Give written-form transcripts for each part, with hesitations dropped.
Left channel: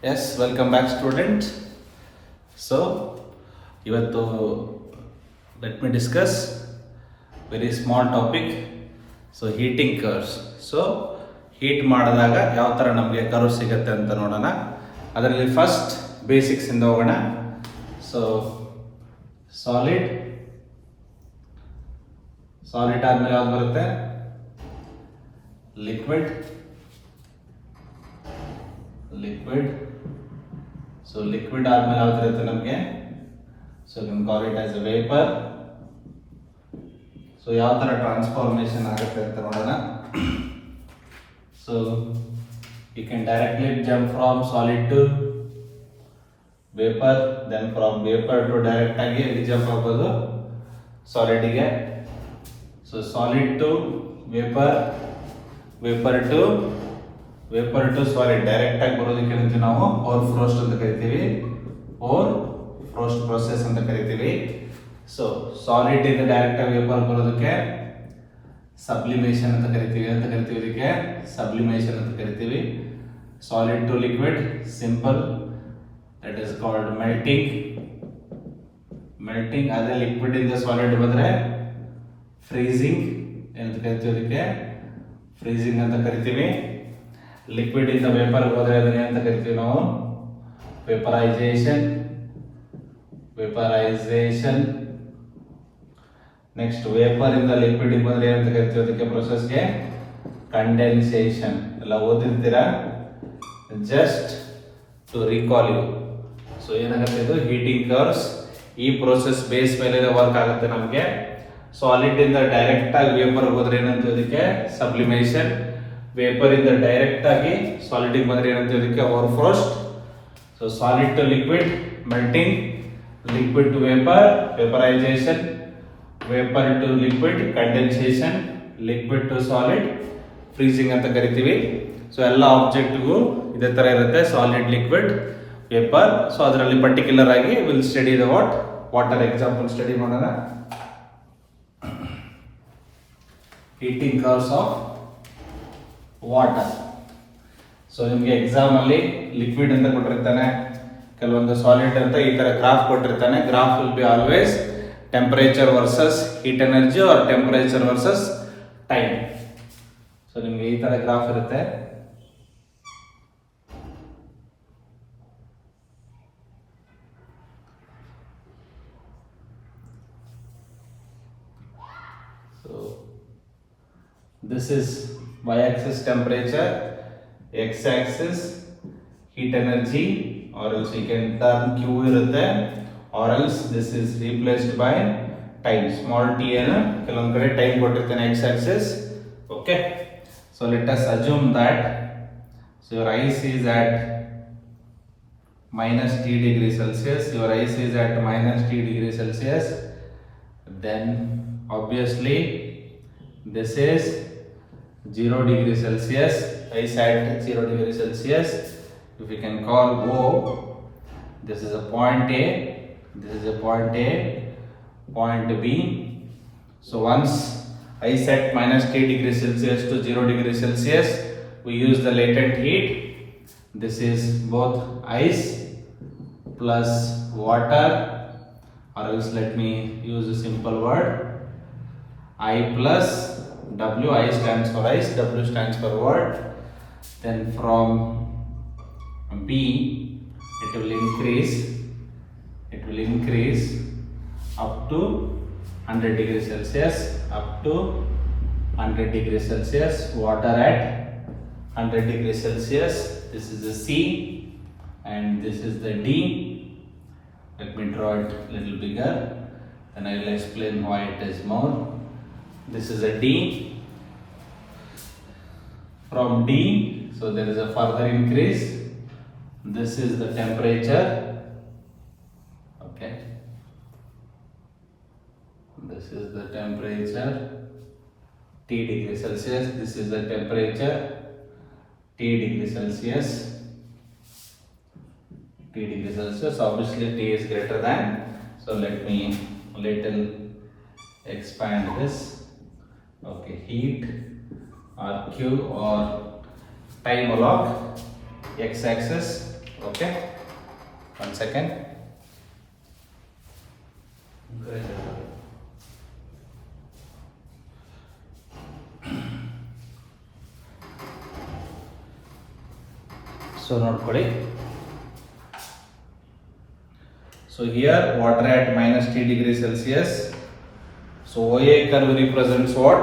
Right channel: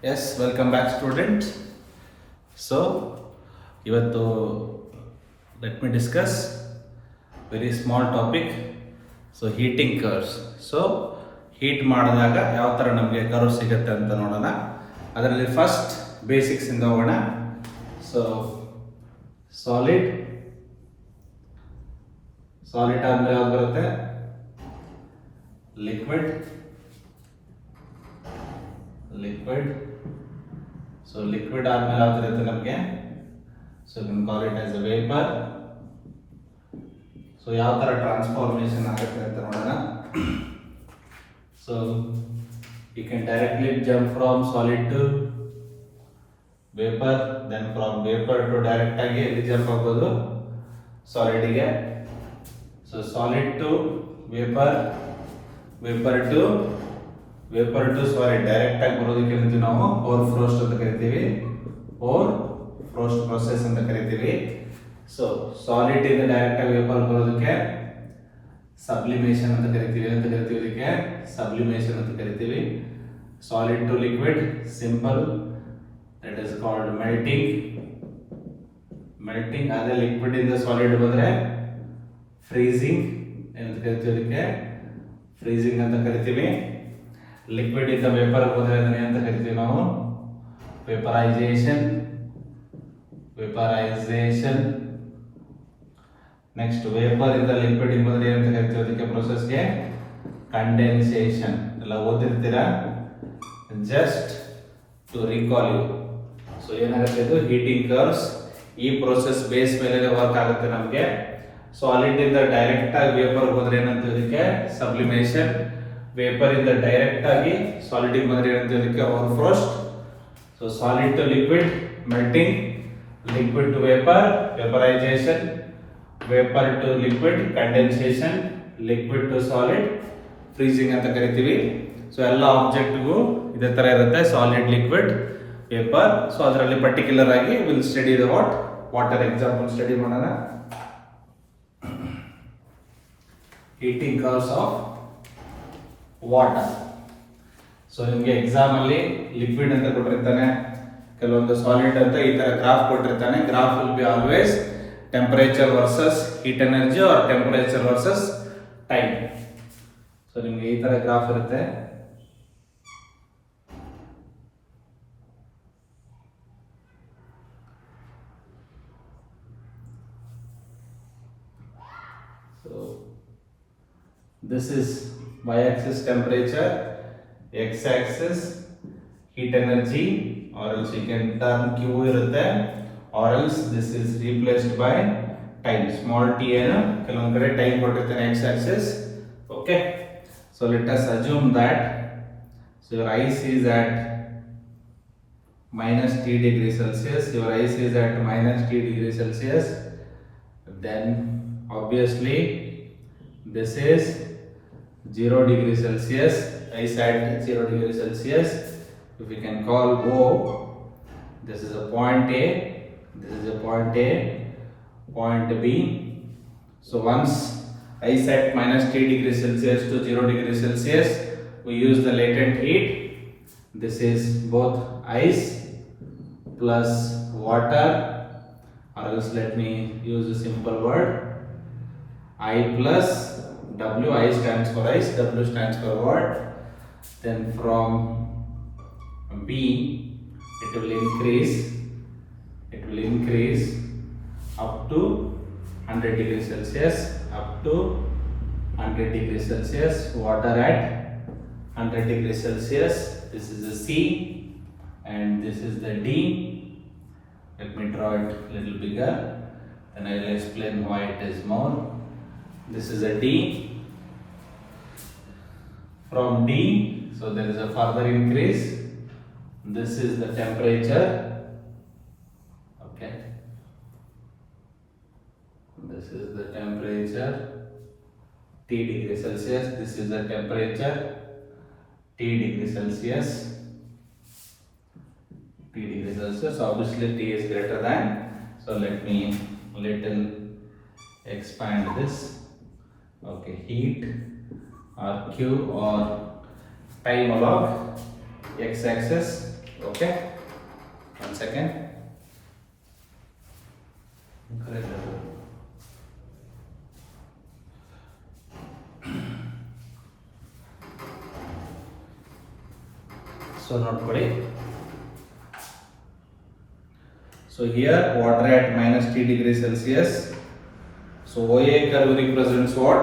Yes, welcome back, student. So, ಇವತ್ತು let me discuss very small topic. So, heating curves. So, heat ಮಾಡಿದಾಗ ಯಾವ ಥರ ನಮಗೆ ಕರ್ವ್ ಸಿಗುತ್ತೆ ಅಂತ ನೋಡೋಣ. ಅದರಲ್ಲಿ ಫಸ್ಟ್ ಬೇಸಿಕ್ಸ್ ಇಂದ ಹೋಗೋಣ. ಸೊ, ಸಾಲಿಡ್ ಆದ್ಮೇಲೆ ಯಾವ್ದು ಬರುತ್ತೆ? ಲಿಕ್ವಿಡ್. ಸೊ ಲಿಕ್ವಿಡ್ ಆದ್ಮೇಲೆ ಯಾವ್ದು ಇರುತ್ತೆ ನಮಗೆ? So you can call it as a vapour. So ಯಾವ ತರ ಟ್ರಾನ್ಸ್ಫಾರ್ಮೇಶನ್ ಆಗುತ್ತೆ ಅಂತ ನೋಡೋಣ. So you can directly jump from solid to vapour, then from vapour to direct ಆಗಿ ಎಲ್ಲಿ ಜಂಪ್ ಆಗ್ಬೋದು? ಸಾಲಿಡ್ಗೆ. So solid to vapour, vapour to solid direct ಆಗಿ ಬರೋದಕ್ಕೆ ಕರಿತೀವಿ ನಾವು ಓವರ್ ಫ್ರೋಸ್ಟ್ ಅಂತ ಕರಿತೀವಿ. ಓವರ್ ಫ್ರೋಸ್ಟ್ ಪ್ರೊಸೆಸ್ ಅಂತ ಕರಿತೀವಿ. ಸೊ ಸಾಲಿಡ್ ಇಂದ ಡೈರೆಕ್ಟ್ ಆಗಿ ವೇಪರ್ ಬರೋದಕ್ಕೆ ಸಬ್ಲಿಮೇಷನ್ ಅಂತ ಕರಿತೀವಿ. ಇದಕ್ಕೆ ಸಬ್ಲಿಮೇಷನ್ ಅಂತ ಕರಿತೀವಿ. Solid to liquid simple, that is called melting. ಅದೇ ಲಿಕ್ವಿಡ್ ಇಂದ ಸಾಲಿಡ್ ಬಂದ್ರೆ ಫ್ರೀಸಿಂಗ್ ಅಂತ ಕರಿತೀವಿ. ಇದಕ್ಕೆ ಫ್ರೀಸಿಂಗ್ ಅಂತ ಕರಿತೀವಿ. ಲಿಕ್ವಿಡ್ ಇಂದ ವೇಪರ್ ಹೋದ್ರೆ ಅದನ್ನ ಅಂತ ಕರಿತೀವಿ ನಾವು ವೇಪರೈಸೇಷನ್. ನೆಕ್ಸ್ಟ್ ವೇಪರ್ ಇಂದ ಲಿಕ್ವಿಡ್ ಬಂದ್ರೆ ಏನಂತ ಕರಿತೀವಿ? ಅದಕ್ಕೆ ಪ್ರೊಸೆಸ್ಗೆ ಕಂಡೆನ್ಸೇಷನ್. ಎಲ್ಲ ಓದಿರ್ತೀರಾ, just to recall you. So ಏನಾಗುತ್ತೆ? ಇದು ಹೀಟಿಂಗ್ ಕರ್ವ್ಸ್. ಈ ಪ್ರೋಸೆಸ್ ಬೇಸ್ ಮೇಲೆ ವರ್ಕ್ ಆಗುತ್ತೆ ನಮಗೆ. ಸಾಲಿಡ್ ಇಂದ ಡೈರೆಕ್ಟ್ ಆಗಿ ವೇಪರ್ ಹೋದ್ರೆ ಏನಂತೀವಿ? ಅದಕ್ಕೆ ಸಬ್ಲಿಮೇಷನ್. ವೇಪರ್ ಇಂದ ಡೈರೆಕ್ಟ್ ಆಗಿ ಸಾಲಿಡ್ ಬಂದ್ರೆ ಏನಂತೀವಿ? ಅದಕ್ಕೆ over frost. So solid to liquid melting, liquid to vapour vaporisation, vapour to liquid condensation, liquid to solid freezing ಅಂತ ಕರಿತೀವಿ. ಸೊ ಎಲ್ಲ ಆಬ್ಜೆಕ್ಟ್ಗೂ ಇದೇ ತರ ಇರುತ್ತೆ, ಸಾಲಿಡ್, ಲಿಕ್ವಿಡ್, ವೇಪರ್. ಸೊ ಅದರಲ್ಲಿ ಪರ್ಟಿಕ್ಯುಲರ್ ಆಗಿ will study the water example study ಮಾಡೋಣ. Heating curves of water. So ನಿಮಗೆ ಎಕ್ಸಾಮ್ ಅಲ್ಲಿ ಲಿಕ್ವಿಡ್ ಅಂತ ಕೊಟ್ಟಿರ್ತಾನೆ, ಕೆಲವೊಂದು ಸಾಲಿಡ್ ಅಂತ ಈ ತರ ಗ್ರಾಫ್ ಕೊಟ್ಟಿರ್ತಾನೆ. Graph will be always temperature versus heat energy or temperature versus time. So ನಿಮಗೆ ಈ ತರ ಗ್ರಾಫ್ ಇರುತ್ತೆ. So this is y-axis temperature, x-axis heat energy, or else you can turn q irutte, or else this is replaced by time. Small t ena ಕೆಲವೊಂದು ಕಡೆ ಟೈಮ್ ಕೊಟ್ಟಿರ್ತಾನೆ x-axis. Okay, so let us assume that so your ice is at minus t degree Celsius. Your ice is at minus t degree Celsius. Then obviously this is 0 degree Celsius, ice at 0 degree Celsius. If we can call O, this is a point A, this is a point A, point B. So once ice at minus 3 degree Celsius to 0 degree Celsius, we use the latent heat. This is both ice plus water, or else let me use a simple word, I plus W. I stands for ice, W stands for water. Then from B it will increase up to 100 degrees Celsius, water at 100 degrees Celsius. This is the C and this is the D. Let me draw it a little bigger, then I will explain why it is more. This is a D. From D, so there is a further increase. This is the temperature. Okay, this is the temperature T degree Celsius. This is the temperature T degree Celsius. Obviously T is greater than. So let me little expand this. Okay, heat or Q or time log x axis Okay, 1 second. So ನೋಡ್ಕೊಳ್ಳಿ. So here water at minus t degree Celsius. So OA curve represents what?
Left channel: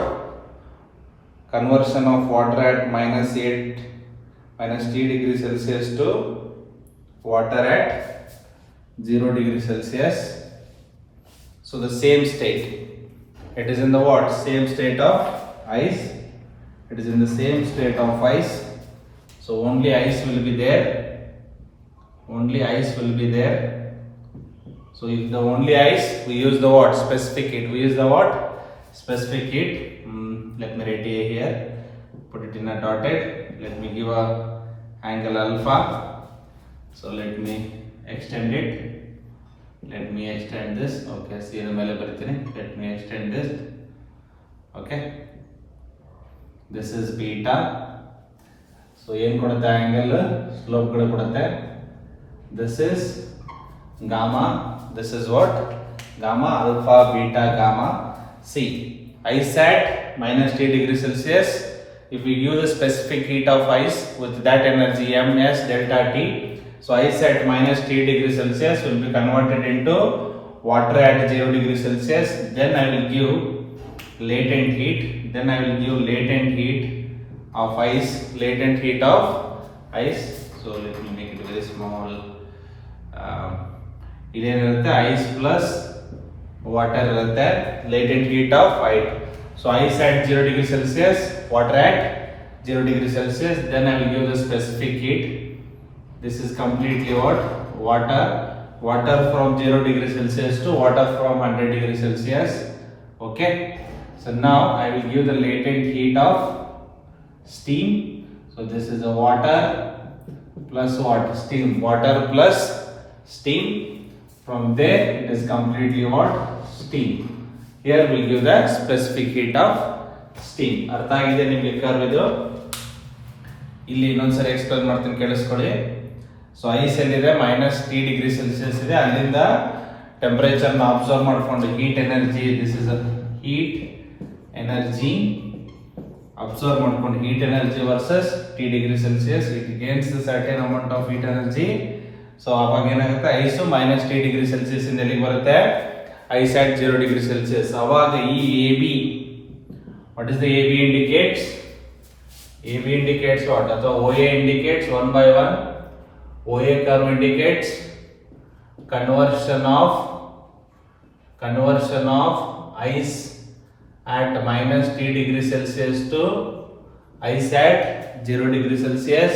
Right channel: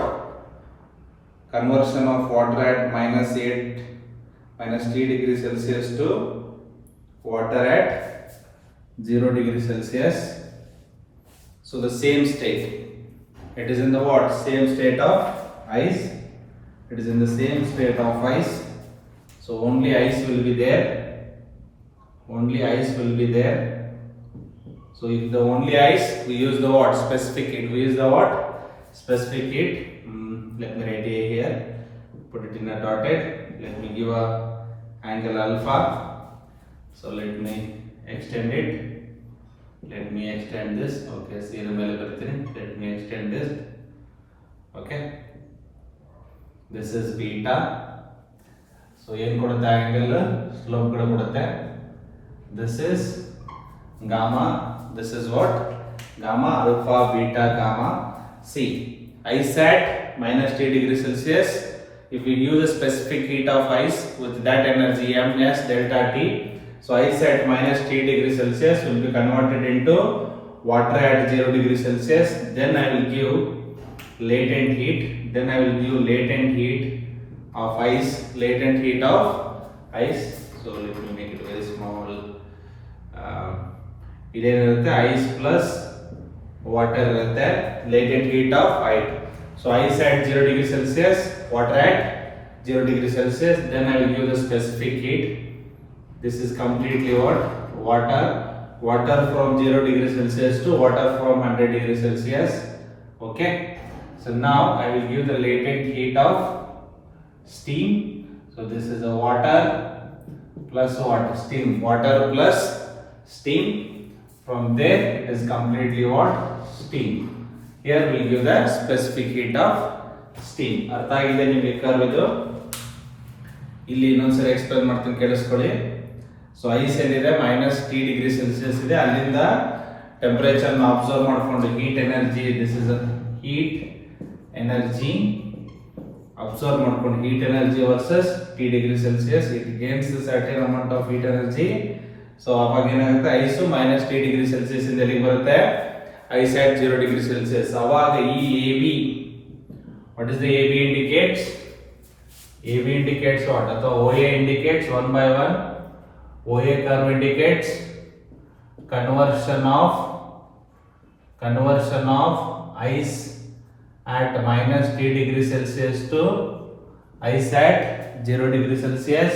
Conversion of water at minus t degree Celsius to water at 0 degree Celsius. So the same state. It is in the what? Same state of ice. It is in the same state of ice. So only ice will be there. Only ice will be there. So if the only ice, we use the what? Specific heat. We use the what? Specific heat. Let me write it here. Put it in a dotted. Let me give a angle alpha. So let me extend it. Let me extend this. Okay, see the mele bartini. Let me extend this. Okay. This is beta. So ಏನು ಕೊಡುತ್ತೆ angle slope ಕೂಡ ಕೊಡುತ್ತೆ. This is gamma. This is what? Gamma, alpha, beta, gamma. See, ice at minus t degree Celsius. If we use a specific heat of ice with that energy ms delta t, so ice at minus t degree Celsius will be converted into water at 0 degree Celsius. Then I will give latent heat. Then I will give latent heat of ice. Latent heat of ice. So let me make it very small. ಇದೇನಿರುತ್ತೆ ice plus water ಇರುತ್ತೆ. Latent heat of ice. So ice at 0 degree Celsius, water at 0 degree Celsius. Then I will give the specific heat. This is completely what? Water from 0 degree Celsius to water from 100 degree Celsius. Okay. So now I will give the latent heat of steam. So this is a water plus what? Steam. Water plus steam. From there it is completely what? Steam. Here we will give the specific heat of steam. ಅರ್ಥ ಆಗಿದೆ ನಿಮಗೆ ಕರ್ವ್ ಇದು? ಇಲ್ಲಿ ಇನ್ನೊಂದ್ಸರಿ explain ಮಾಡ್ತೀನಿ, ಕೇಳಿಸ್ಕೊಳ್ಳಿ. So ice ಎಲ್ಲಿದೆ? Minus T degree Celsius ಇದೆ. ಅಲ್ಲಿಂದ ಟೆಂಪರೇಚರ್ನ ಅಬ್ಸರ್ವ್ ಮಾಡಿಕೊಂಡು heat energy, this is heat energy absorb ಮಾಡ್ಕೊಂಡು heat energy versus T degree Celsius, it gains the certain amount of heat energy. So ಅವಾಗ ಏನಾಗುತ್ತೆ? Ice minus T degree Celsius ಇಂದ ಎಲ್ಲಿಗೆ ಬರುತ್ತೆ? Ice at 0 degree Celsius. ಅವಾಗ ಈ AB, what is the AB indicates? AB indicates what? ಅಥವಾ OA indicates 1 by 1. OA curve indicates conversion of ice at minus t degree Celsius to ice at 0 degree Celsius.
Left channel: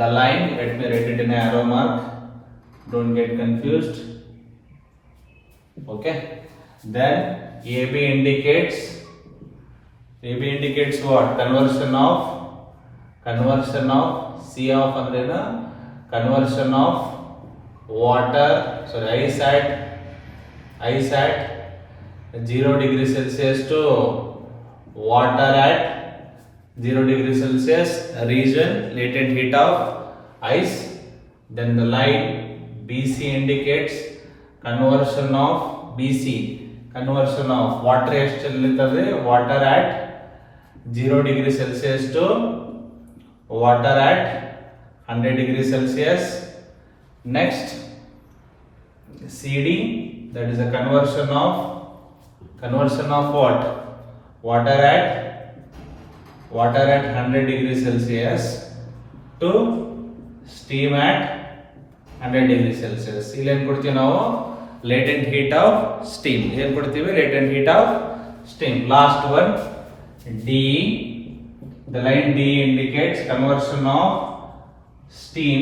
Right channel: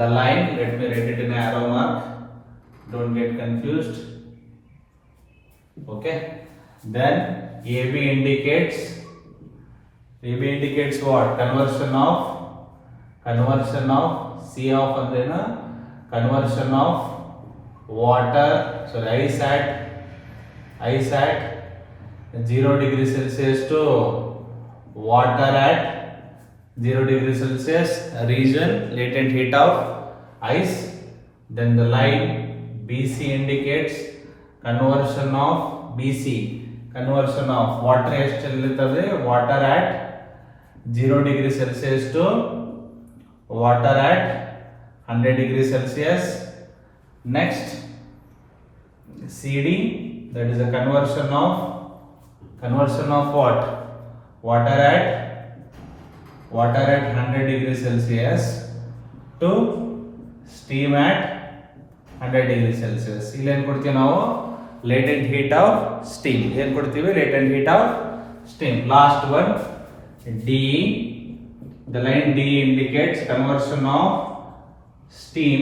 The line, let me write it in an arrow mark, don't get confused. Okay, then AB indicates what? Conversion of C of andrena conversion of water, sorry, ice at 0 degree Celsius to water at 0 degree Celsius region, latent heat of ice. Then the line BC indicates conversion of water ಎಷ್ಟಲ್ಲಿರ್ತದೆ? water at 0 degree Celsius to water at 100 degree Celsius. Next CD, that is a conversion of what? water at 100 degree Celsius to steam at 100 degree Celsius. ಇಲ್ಲಿ ಏನು ಕೊಡ್ತೀವಿ ನಾವು? latent heat of steam. ಏನು ಕೊಡ್ತೀವಿ? latent heat of steam. Last one, DE. The line DE indicates conversion of steam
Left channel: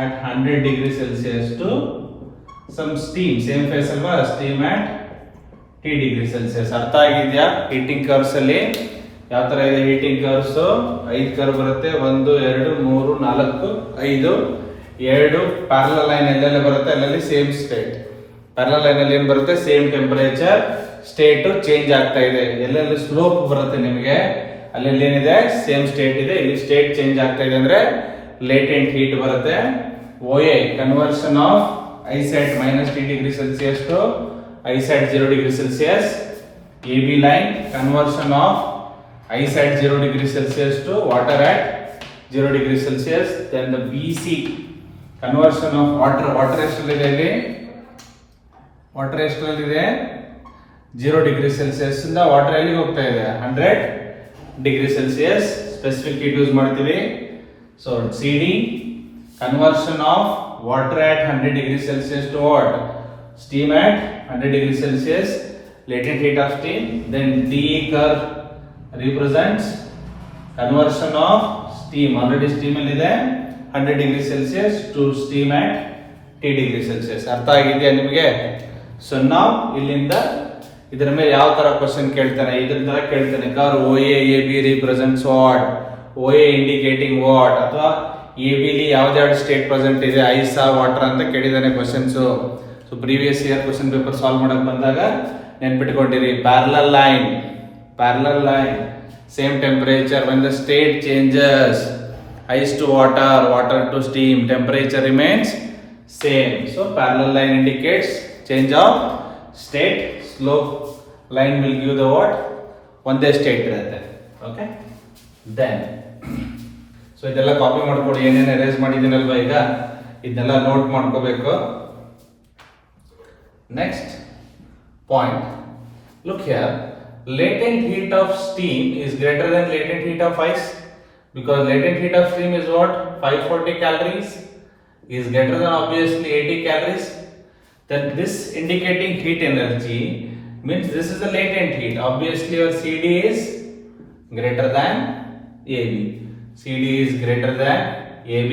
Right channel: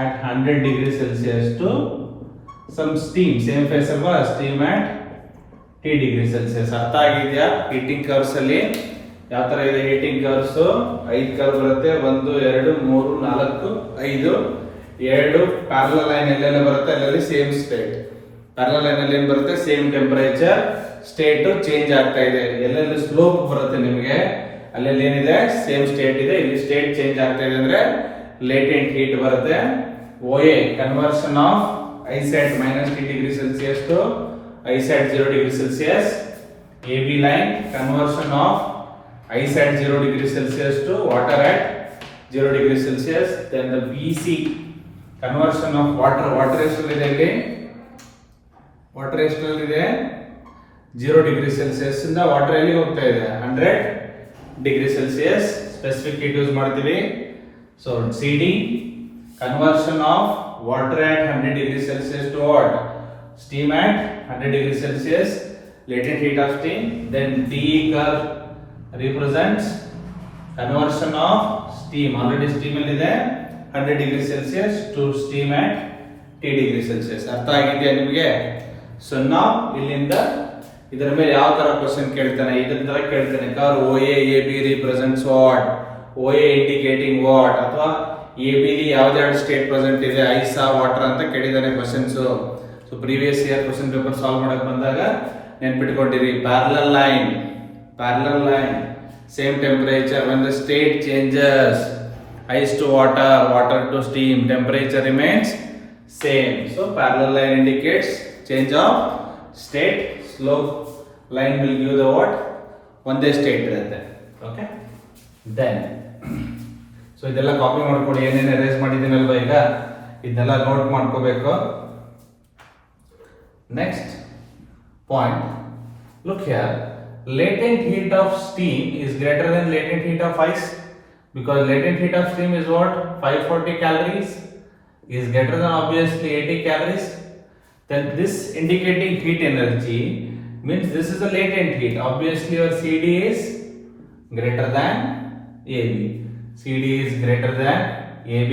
at 100 degree Celsius to some steam. Same phase ಅಲ್ವಾ? steam at t degree Celsius. ಅರ್ಥ ಆಗಿದೆಯಾ? Heating curves ಅಲ್ಲಿ ಯಾವ ತರ ಇದೆ? Heating curves 5 ಕರ್ವ್ ಬರುತ್ತೆ. 1 2 3 4 5. 2 parallel line ಎಲ್ಲೆಲ್ಲ ಬರುತ್ತೆ ಅಲ್ಲಲ್ಲಿ ಸೇಮ್ ಸ್ಟೇಟ್. ಪ್ಯಾರಲಲ್ ಲೈನ್ ಅಲ್ಲಿ ಏನು ಬರುತ್ತೆ? ಸೇಮ್ ಟೆಂಪರೇಚರ್, ಸ್ಟೇಟ್ ಚೇಂಜ್ ಆಗ್ತಾ ಇದೆ. ಎಲ್ಲೆಲ್ಲಿ ಸ್ಲೋಪ್ ಬರುತ್ತೆ ನಿಮಗೆ ಅಲ್ಲೆಲ್ಲಿ ಏನಿದೆ? ಸೇಮ್ ಸ್ಟೇಟ್ ಇದೆ. ಇಲ್ಲಿ ಸ್ಟೇಟ್ ಚೇಂಜ್ ಆಗ್ತಾ ಇದೆ ಅಂದ್ರೆ ಲೇಟೆಂಟ್ ಹೀಟ್ ಬರುತ್ತೆ. OA conversion of ice at minus T degree Celsius to ice at 0 degree Celsius. AB line conversion of ice at 0 degree Celsius to water at 0 degree Celsius. Then the BC conversion of water ಎಷ್ಟಲ್ಲಿದೆ ಇಲ್ಲಿ water ಎಷ್ಟಲ್ಲಿದೆ 0 degree Celsius ಇಂದ water ಎಲ್ಲಿಗೆ ಹೋಗ್ತಾ ಇದೆ 100 degree Celsius specific heat use ಮಾಡ್ತೀವಿ. So CD conversion of water at 100 degree Celsius to what? Steam at 100 degree Celsius, latent heat of steam. Then DE curve represents conversion of steam. Already steam ಇದೆ 100 degree Celsius to steam at T degree Celsius. ಅರ್ಥ ಆಗಿದೆಯಾ ನಿಮಗೆ? ಸೊ ನಾವು ಇಲ್ಲಿಂದ ಇದರ ಮೇಲೆ ಯಾವ ತರ ಕ್ವಶನ್ ಕೇಳ್ತಾನೆ ಇದರ ತರ ಕೇಳ್ತಾನೆ. ಕರ್ OA AB represents what? OA indicating what? ಅಥವಾ AB ಲಿ ಯಾವ್ದಾದ್ರು ಸ್ಟೇಟ್ ಪ್ರೆಸೆಂಟ್ ಇದೆ ಐಸಾ ವಾಟರ್ ಅಂತ ಕೇಳಿದಾನೆ questions. So previous year question paper solve ಮಾಡಕ್ ಬಂದಾಗ ನೆನ್ಪಿಟ್ಕೊಂಡಿರಿ. Parallel line same temperature when the state changes ice to water to steam, temperature remains same. So parallel line indicates change of state. Slope line will give the what? ಒಂದೇ ಸ್ಟೇಟ್ ಇರುತ್ತೆ. Okay, then so ಇದೆಲ್ಲ ಕಾಪಿ ಮಾಡ್ಕೊಡಿ. ಏನೇನು ಎರೇಸ್ ಮಾಡಿದ್ದೀನಲ್ವ ಈಗ ಇದನ್ನೆಲ್ಲ ನೋಟ್ ಮಾಡ್ಕೋಬೇಕು. Next point, look here, latent heat of steam is greater than latent heat of ice because latent heat of steam is what? 540 calories is greater than obviously 80 calories. Then this indicating heat energy means this is the latent heat. Obviously your CD is greater than AB. CD is greater than AB.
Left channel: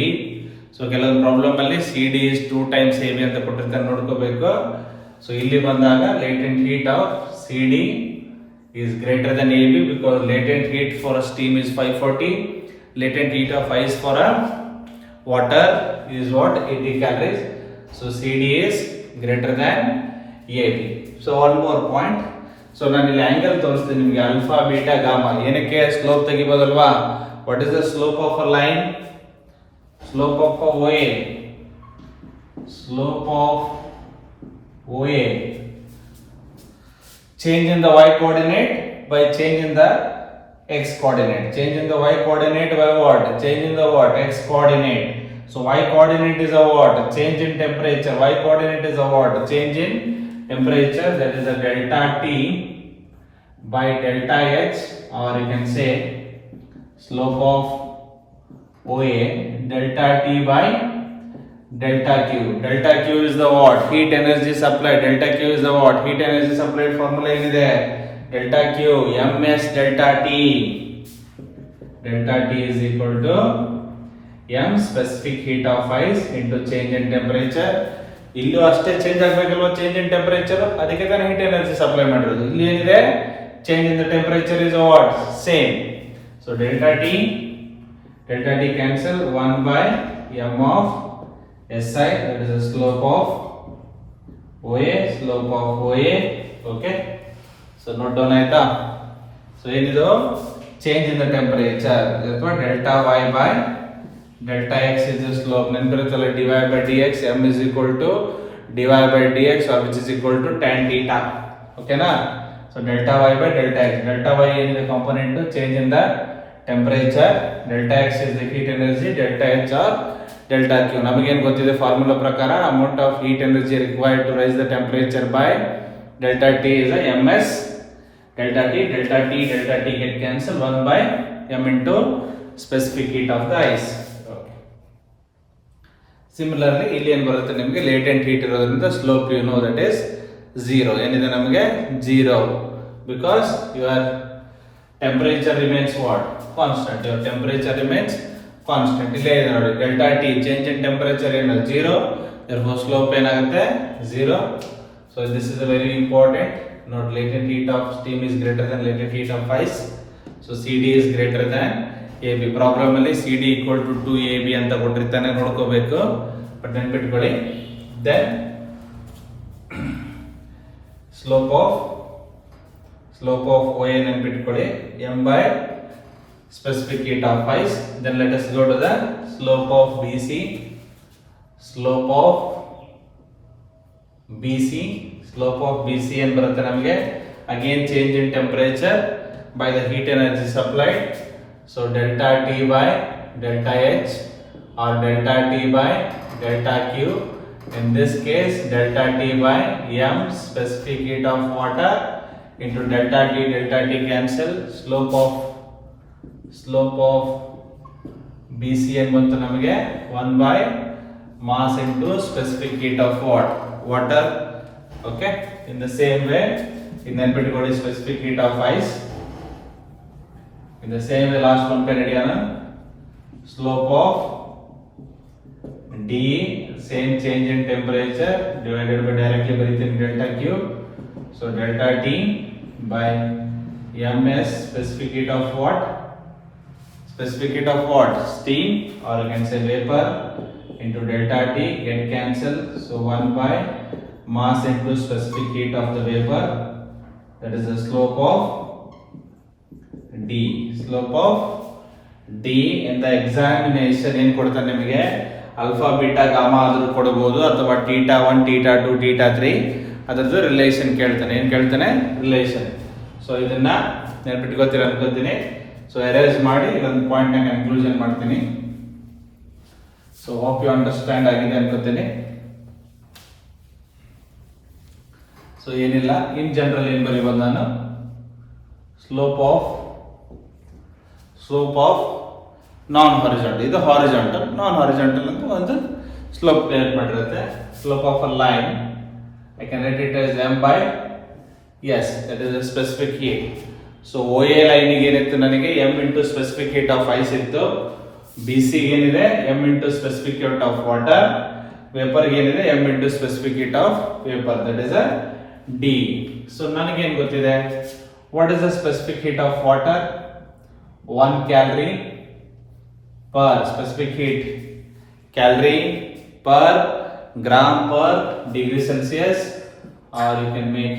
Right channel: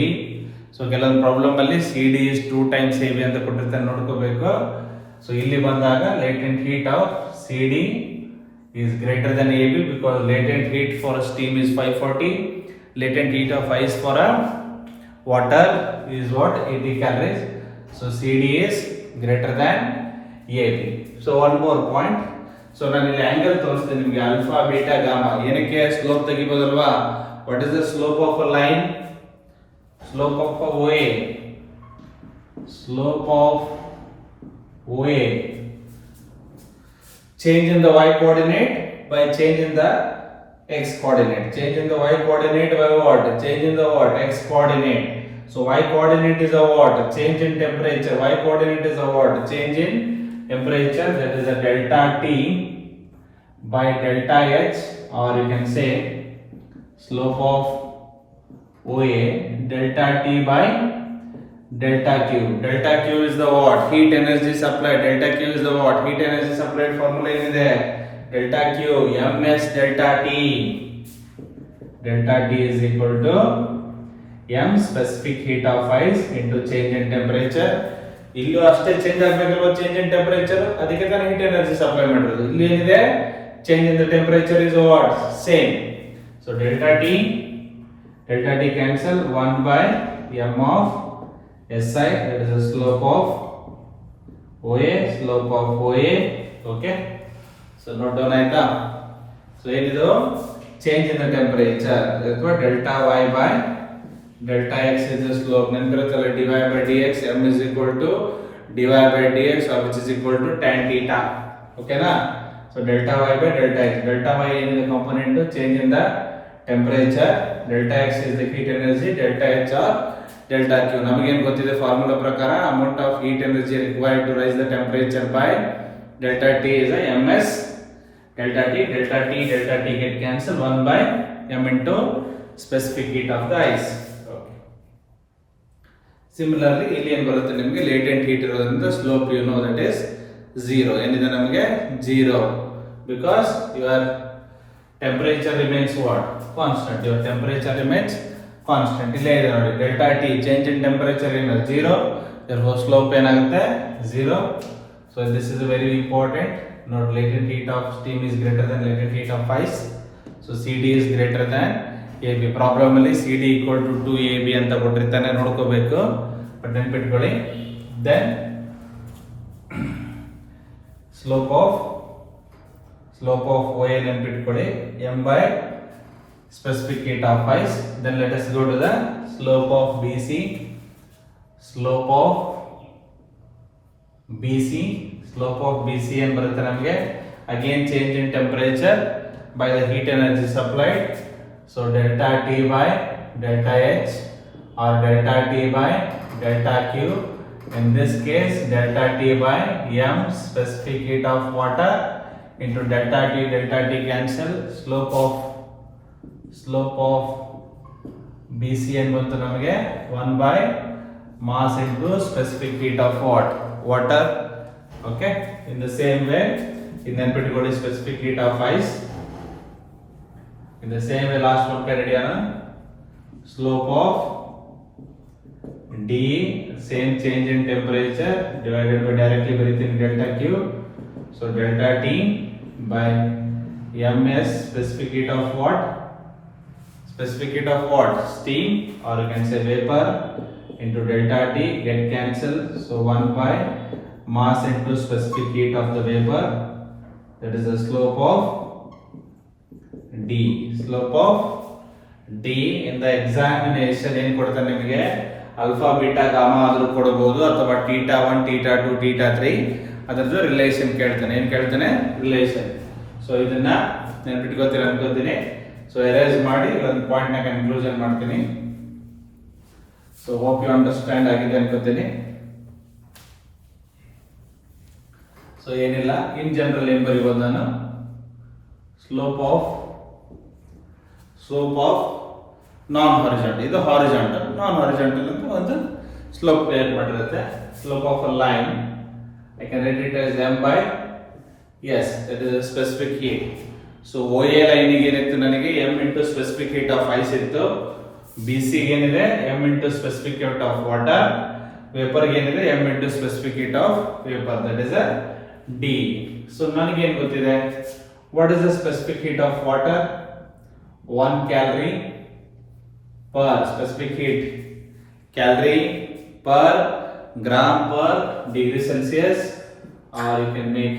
So ಕೆಲವೊಂದು ಪ್ರಾಬ್ಲಮ್ ಅಲ್ಲಿ CD is 2 times AB ಅಂತ ಕೊಟ್ಟಿರ್ತಾರೆ, ನೋಡ್ಕೋಬೇಕು. ಸೊ ಇಲ್ಲಿ ಬಂದಾಗ latent heat of CD is greater than AB because latent heat for a steam is 540. Latent heat of ice for a water is what? 80 calories. So CD is greater than AB. So one more point. So ನಾನು ಇಲ್ಲಿ ಆಂಗಲ್ ತೋರಿಸ್ತೀನಿ ನಿಮಗೆ, alpha beta gamma. ಏನಕ್ಕೆ ಸ್ಲೋಪ್ ತೆಗಿಬೋದಲ್ವಾ? What is the slope of a line? Slope of a OA. Slope of OA. Change in the y coordinate by change in the x coordinate. Change in the y coordinate by what? Change in the what? X coordinate. So y coordinate is a what? Change in temperature. Y coordinate is a what? Change in temperature. That is a delta T by delta H, or you can say slope of OA delta T by delta Q. Delta Q is the what? Heat energy supplied. Delta Q is the what? Heat energy supplied formula ಇದೆ. Delta Q ms delta T. Delta T is equal to m specific heat of ice into change in temperature. ಇಲ್ಲೂ ಅಷ್ಟೇ ಚೇಂಜ್ ಆಗಬೇಕಲ್ವಾ, change in temperature, ಅದಕ್ಕೆ ತಾನೇ heat energy supply ಮಾಡಿರೋದು. ಇಲ್ಲಿ ಏನಿದೆ? Change in the temperature is what? Same. So delta T cancel, 1 by m of SI, that is the slope of OA. Okay, so note down ಆಯ್ತಾ? ಸೊ ಏನಿದು? Change in the temperature ಅಥವಾ delta y by delta x is the slope. ನೆನಪಿರುತ್ತಲ್ಲ, dy by dx, m is equal to dy by dx, or which is equal to tan theta. ಓಕೆನಾ? So delta y by delta x. Delta y ಏನಿದೆ component? Change in the temperature. Delta x is the heat energy, delta h or delta q. ನಮಗೇನು ಗೊತ್ತಿದೆ ಫಾರ್ಮುಲಾ ಪ್ರಕಾರ? Amount of heat energy required to raise the temperature by delta t is a ms delta t get cancel, 1 by m into specific heat of the ice. Similarly ಇಲ್ಲಿ ಏನು ಬರುತ್ತೆ ನಿಮಗೆ? Latent heat ಇರೋದ್ರಿಂದ slope you know that is 0. ಏನಿದೆ ನಮಗೆ? 0, because your temperature remains what? Constant. Your temperature remains constant. ಇಲ್ಲೇ ಇದೆ ನೋಡಿ, delta T change in temperature ಏನು? 0. therefore ಸ್ಲೋಪ್ ಏನಾಗುತ್ತೆ? 0. so this is a very important note. latent heat of steam is greater than latent heat of ice. so CD is greater than AB. Problem ಅಲ್ಲಿ CD equal to 2AB ಅಂತ ಕೊಟ್ಟಿರ್ತಾನೆ, ನೋಡ್ಕೋಬೇಕು. ಬಟ್ ನೆನ್ಪಿಟ್ಕೊಳ್ಳಿ. Then slope of OA ನೆನ್ಪಿಟ್ಕೊಳ್ಳಿ, m by specific heat of ice. then let us go to the slope of BC. Slope of BC, slope of BC ಏನು ಬರುತ್ತೆ ನಮಗೆ again change in temperature by the heat energy supplied, so delta T by delta H or delta T by delta Q. In this case delta T by M specific heat of water into delta T cancel, slope of BC ಏನು ಬಂತು ನಮಗೆ 1 by mass into specific heat of water. Okay, in the same way in ನೆನ್ಪಿಟ್ಕೊಳ್ಳಿ specific heat of ice. In the same way last one kind idea, slope of D, same change in temperature divided by directly within delta Q, so delta T by ms specific heat of what? Specific heat of what? Steam, or you can say vapor, into delta T get cancelled, so 1 by mass into specific heat of the vapor, that is the slope of D. Slope of D in the examination ಏನು ಕೊಡ್ತಾರೆ ನಿಮಗೆ alpha beta gamma ಆದರೂ ಕೊಡಬಹುದು ಅಥವಾ ಥೀಟಾ 1 ಥೀಟಾ 2 ಥೀಟಾ 3 ಅದರದ್ದು ರಿಲೇಷನ್ ಕೇಳ್ತಾನೆ. ಏನು ಕೇಳ್ತಾನೆ? ರಿಲೇಷನ್. ಸೊ ಇದನ್ನ ನೆನಪಿಟ್ಕೋತೀರ ಅನ್ಕೋತೀನಿ. ಸೊ ಎರೇಸ್ ಮಾಡಿ ಒಂದು ಪಾಯಿಂಟ್ ನ ಕನ್ಕ್ಲೂಷನ್ ಮಾಡ್ತೀನಿ. ಸೊ ಹೋಪ್ ಯು ಅಂಡರ್ಸ್ಟ್ಯಾಂಡ್ ಆಗಿದೆ ಅನ್ಕೋತೀನಿ. ಸೊ ಏನಿಲ್ಲ, ಇನ್ ಜನರಲ್ ಏನು ಬರೀಬೋದು ನಾನು, ಸ್ಲೋಪ್ ಆಫ್ ನಾನ್ ಹಾರಿಜಾಂಟಲ್, ಇದು ಹಾರಿಜಾಂಟಲ್, ನಾನ್ ಹಾರಿಜಾಂಟಲ್ ಅಂತ ಒಂದು ಸ್ಲೋಪ್ ಕ್ರಿಯೇಟ್ ಮಾಡಿರುತ್ತೆ. Slope of a line I can write it as m by s, that is a specific heat. So OA ಲೈನಿಗೆ ಏನಿತ್ತು ನನಗೆ m into specific heat of ice ಇತ್ತು, BC ಏನಿದೆ m into specific heat of water, vapour ಏನಿದೆ m into specific heat of vapour, that is a D. So ನನಗೆ ಏನು ಗೊತ್ತಿದೆ, what is the specific heat of water? 1 calorie per specific heat, calorie per gram per degree Celsius, or you can make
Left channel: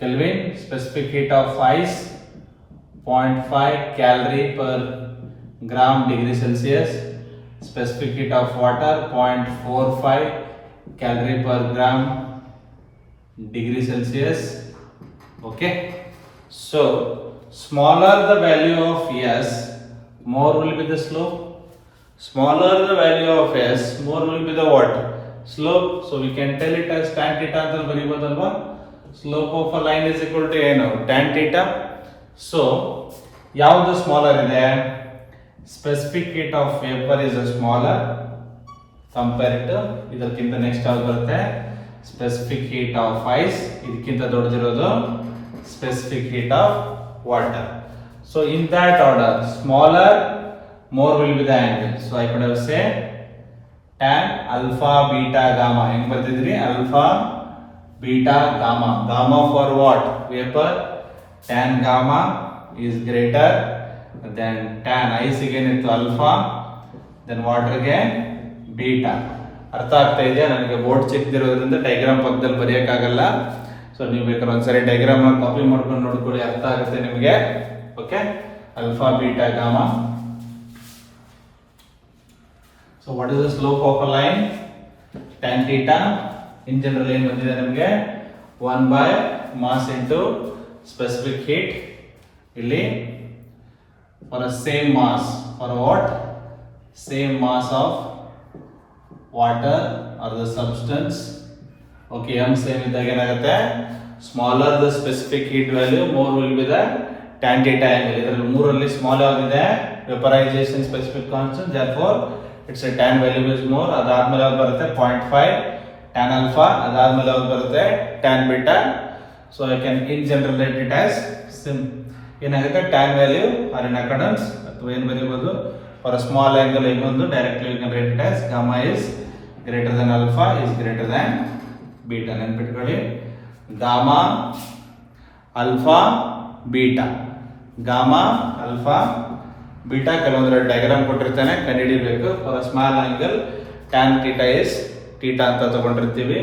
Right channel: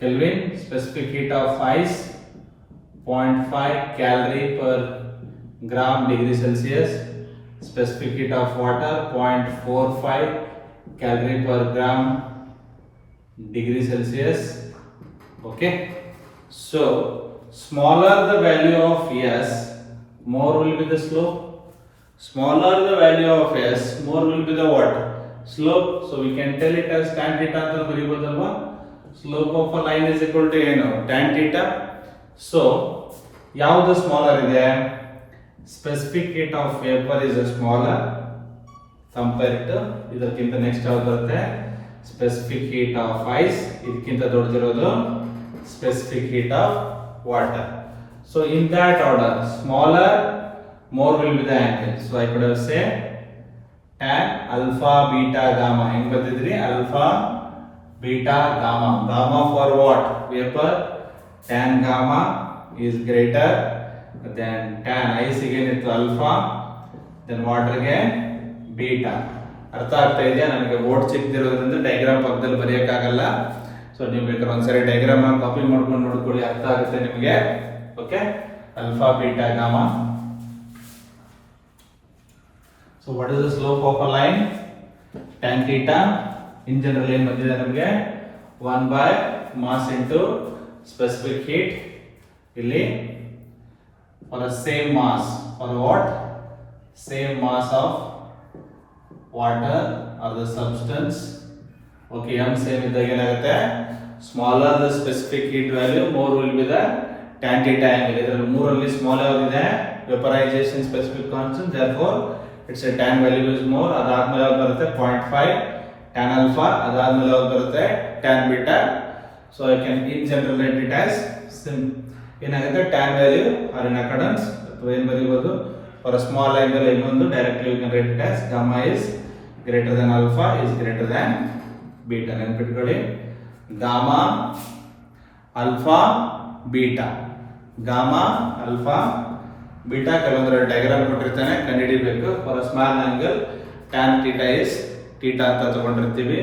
Kelvin. Specific heat of ice 0.5 calorie per gram degree Celsius. Specific heat of water 0.45 calorie per gram degree Celsius. Okay, so smaller the value of S, more will be the slope. Smaller the value of S, more will be the what? Slope. So we can tell it as tan theta ಅಂತ ಬರೀಬಹುದಲ್ವಾ? Slope of a line is equal to ಏನು? Tan theta. So ಯಾವುದು ಸ್ಮಾಲರ್ ಇದೆ? Specific heat of vapor is a smaller compared to ಇದಕ್ಕಿಂತ ನೆಕ್ಸ್ಟ್ ಯಾವುದು ಬರುತ್ತೆ? Specific heat of ice, ಇದಕ್ಕಿಂತ ದೊಡ್ಡದಿರೋದು specific heat of water. So in that order, smaller, more will be the angle. So I could have say tan alpha beta gamma. ಹೆಂಗ್ ಬರ್ತಿದ್ರಿ? Alpha beta gamma. Gamma for what? Vapor. Tan gamma is greater than tan ice again ಇತ್ತು alpha, then water ಗೆ beta. ಅರ್ಥ ಆಗ್ತಾ ಇದೆಯಾ? ನನಗೆ ಬೋರ್ಡ್ ಚಿಕ್ಕದಿರೋದ್ರಿಂದ ಡಯಾಗ್ರಾಮ್ ಪಕ್ಕದಲ್ಲಿ ಬರೆಯೋಕ್ಕಾಗಲ್ಲ. ಸೊ ನೀವು ಬೇಕಾದ್ರೆ ಒಂದ್ಸರಿ ಡಯಾಗ್ರಾಮ್ ಕಾಪಿ ಮಾಡ್ಕೊಂಡು ನೋಡ್ಕೊಳ್ಳಿ, ಅರ್ಥ ಆಗುತ್ತೆ ನಿಮಗೆ. Okay, alpha beta gamma. So what is the slope of a line? Tan theta. In general ಏನು ಬಂದಿದೆ ನಮಗೆ? 1 by mass into specific heat. ಇಲ್ಲಿ for a same mass, for what? Same mass of water or the substance. Okay, m same ಇದ್ದಾಗ ಏನಾಗುತ್ತೆ? Smaller the specific heat value, more will be the tan theta angle. ಇದರಲ್ಲಿ ಮೂರಲ್ಲಿ small ಯಾವ್ದಿದೆ? Vaporisation specific constant, therefore its a tan value is more. ಅದಾದ್ಮೇಲೆ ಯಾವ್ದು ಬರುತ್ತೆ? 0.5 tan alpha. ಅದಾದ್ಮೇಲೆ ಯಾವ್ದು ಬರುತ್ತೆ? tan beta. So I can in general write it as ಏನಾಗುತ್ತೆ? tan value or in accordance, ಅಥವಾ ಏನು ಬರೀಬಹುದು? For a small angle ಇನ್ನೊಂದು directly you can write it as gamma is greater than alpha is greater than beta. ನೆನ್ಪಿಟ್ಕೊಳ್ಳಿ, gamma alpha beta, gamma alpha beta. ಕೆಲವೊಂದು ಡಯಾಗ್ರಾಮ್ ಕೊಟ್ಟಿರ್ತಾನೆ, ಕಂಡುಹಿಡಿಬೇಕು. For small angle tan theta is theta ಅಂತ ತಗೊಂಡಿರ್ತೀವಿ.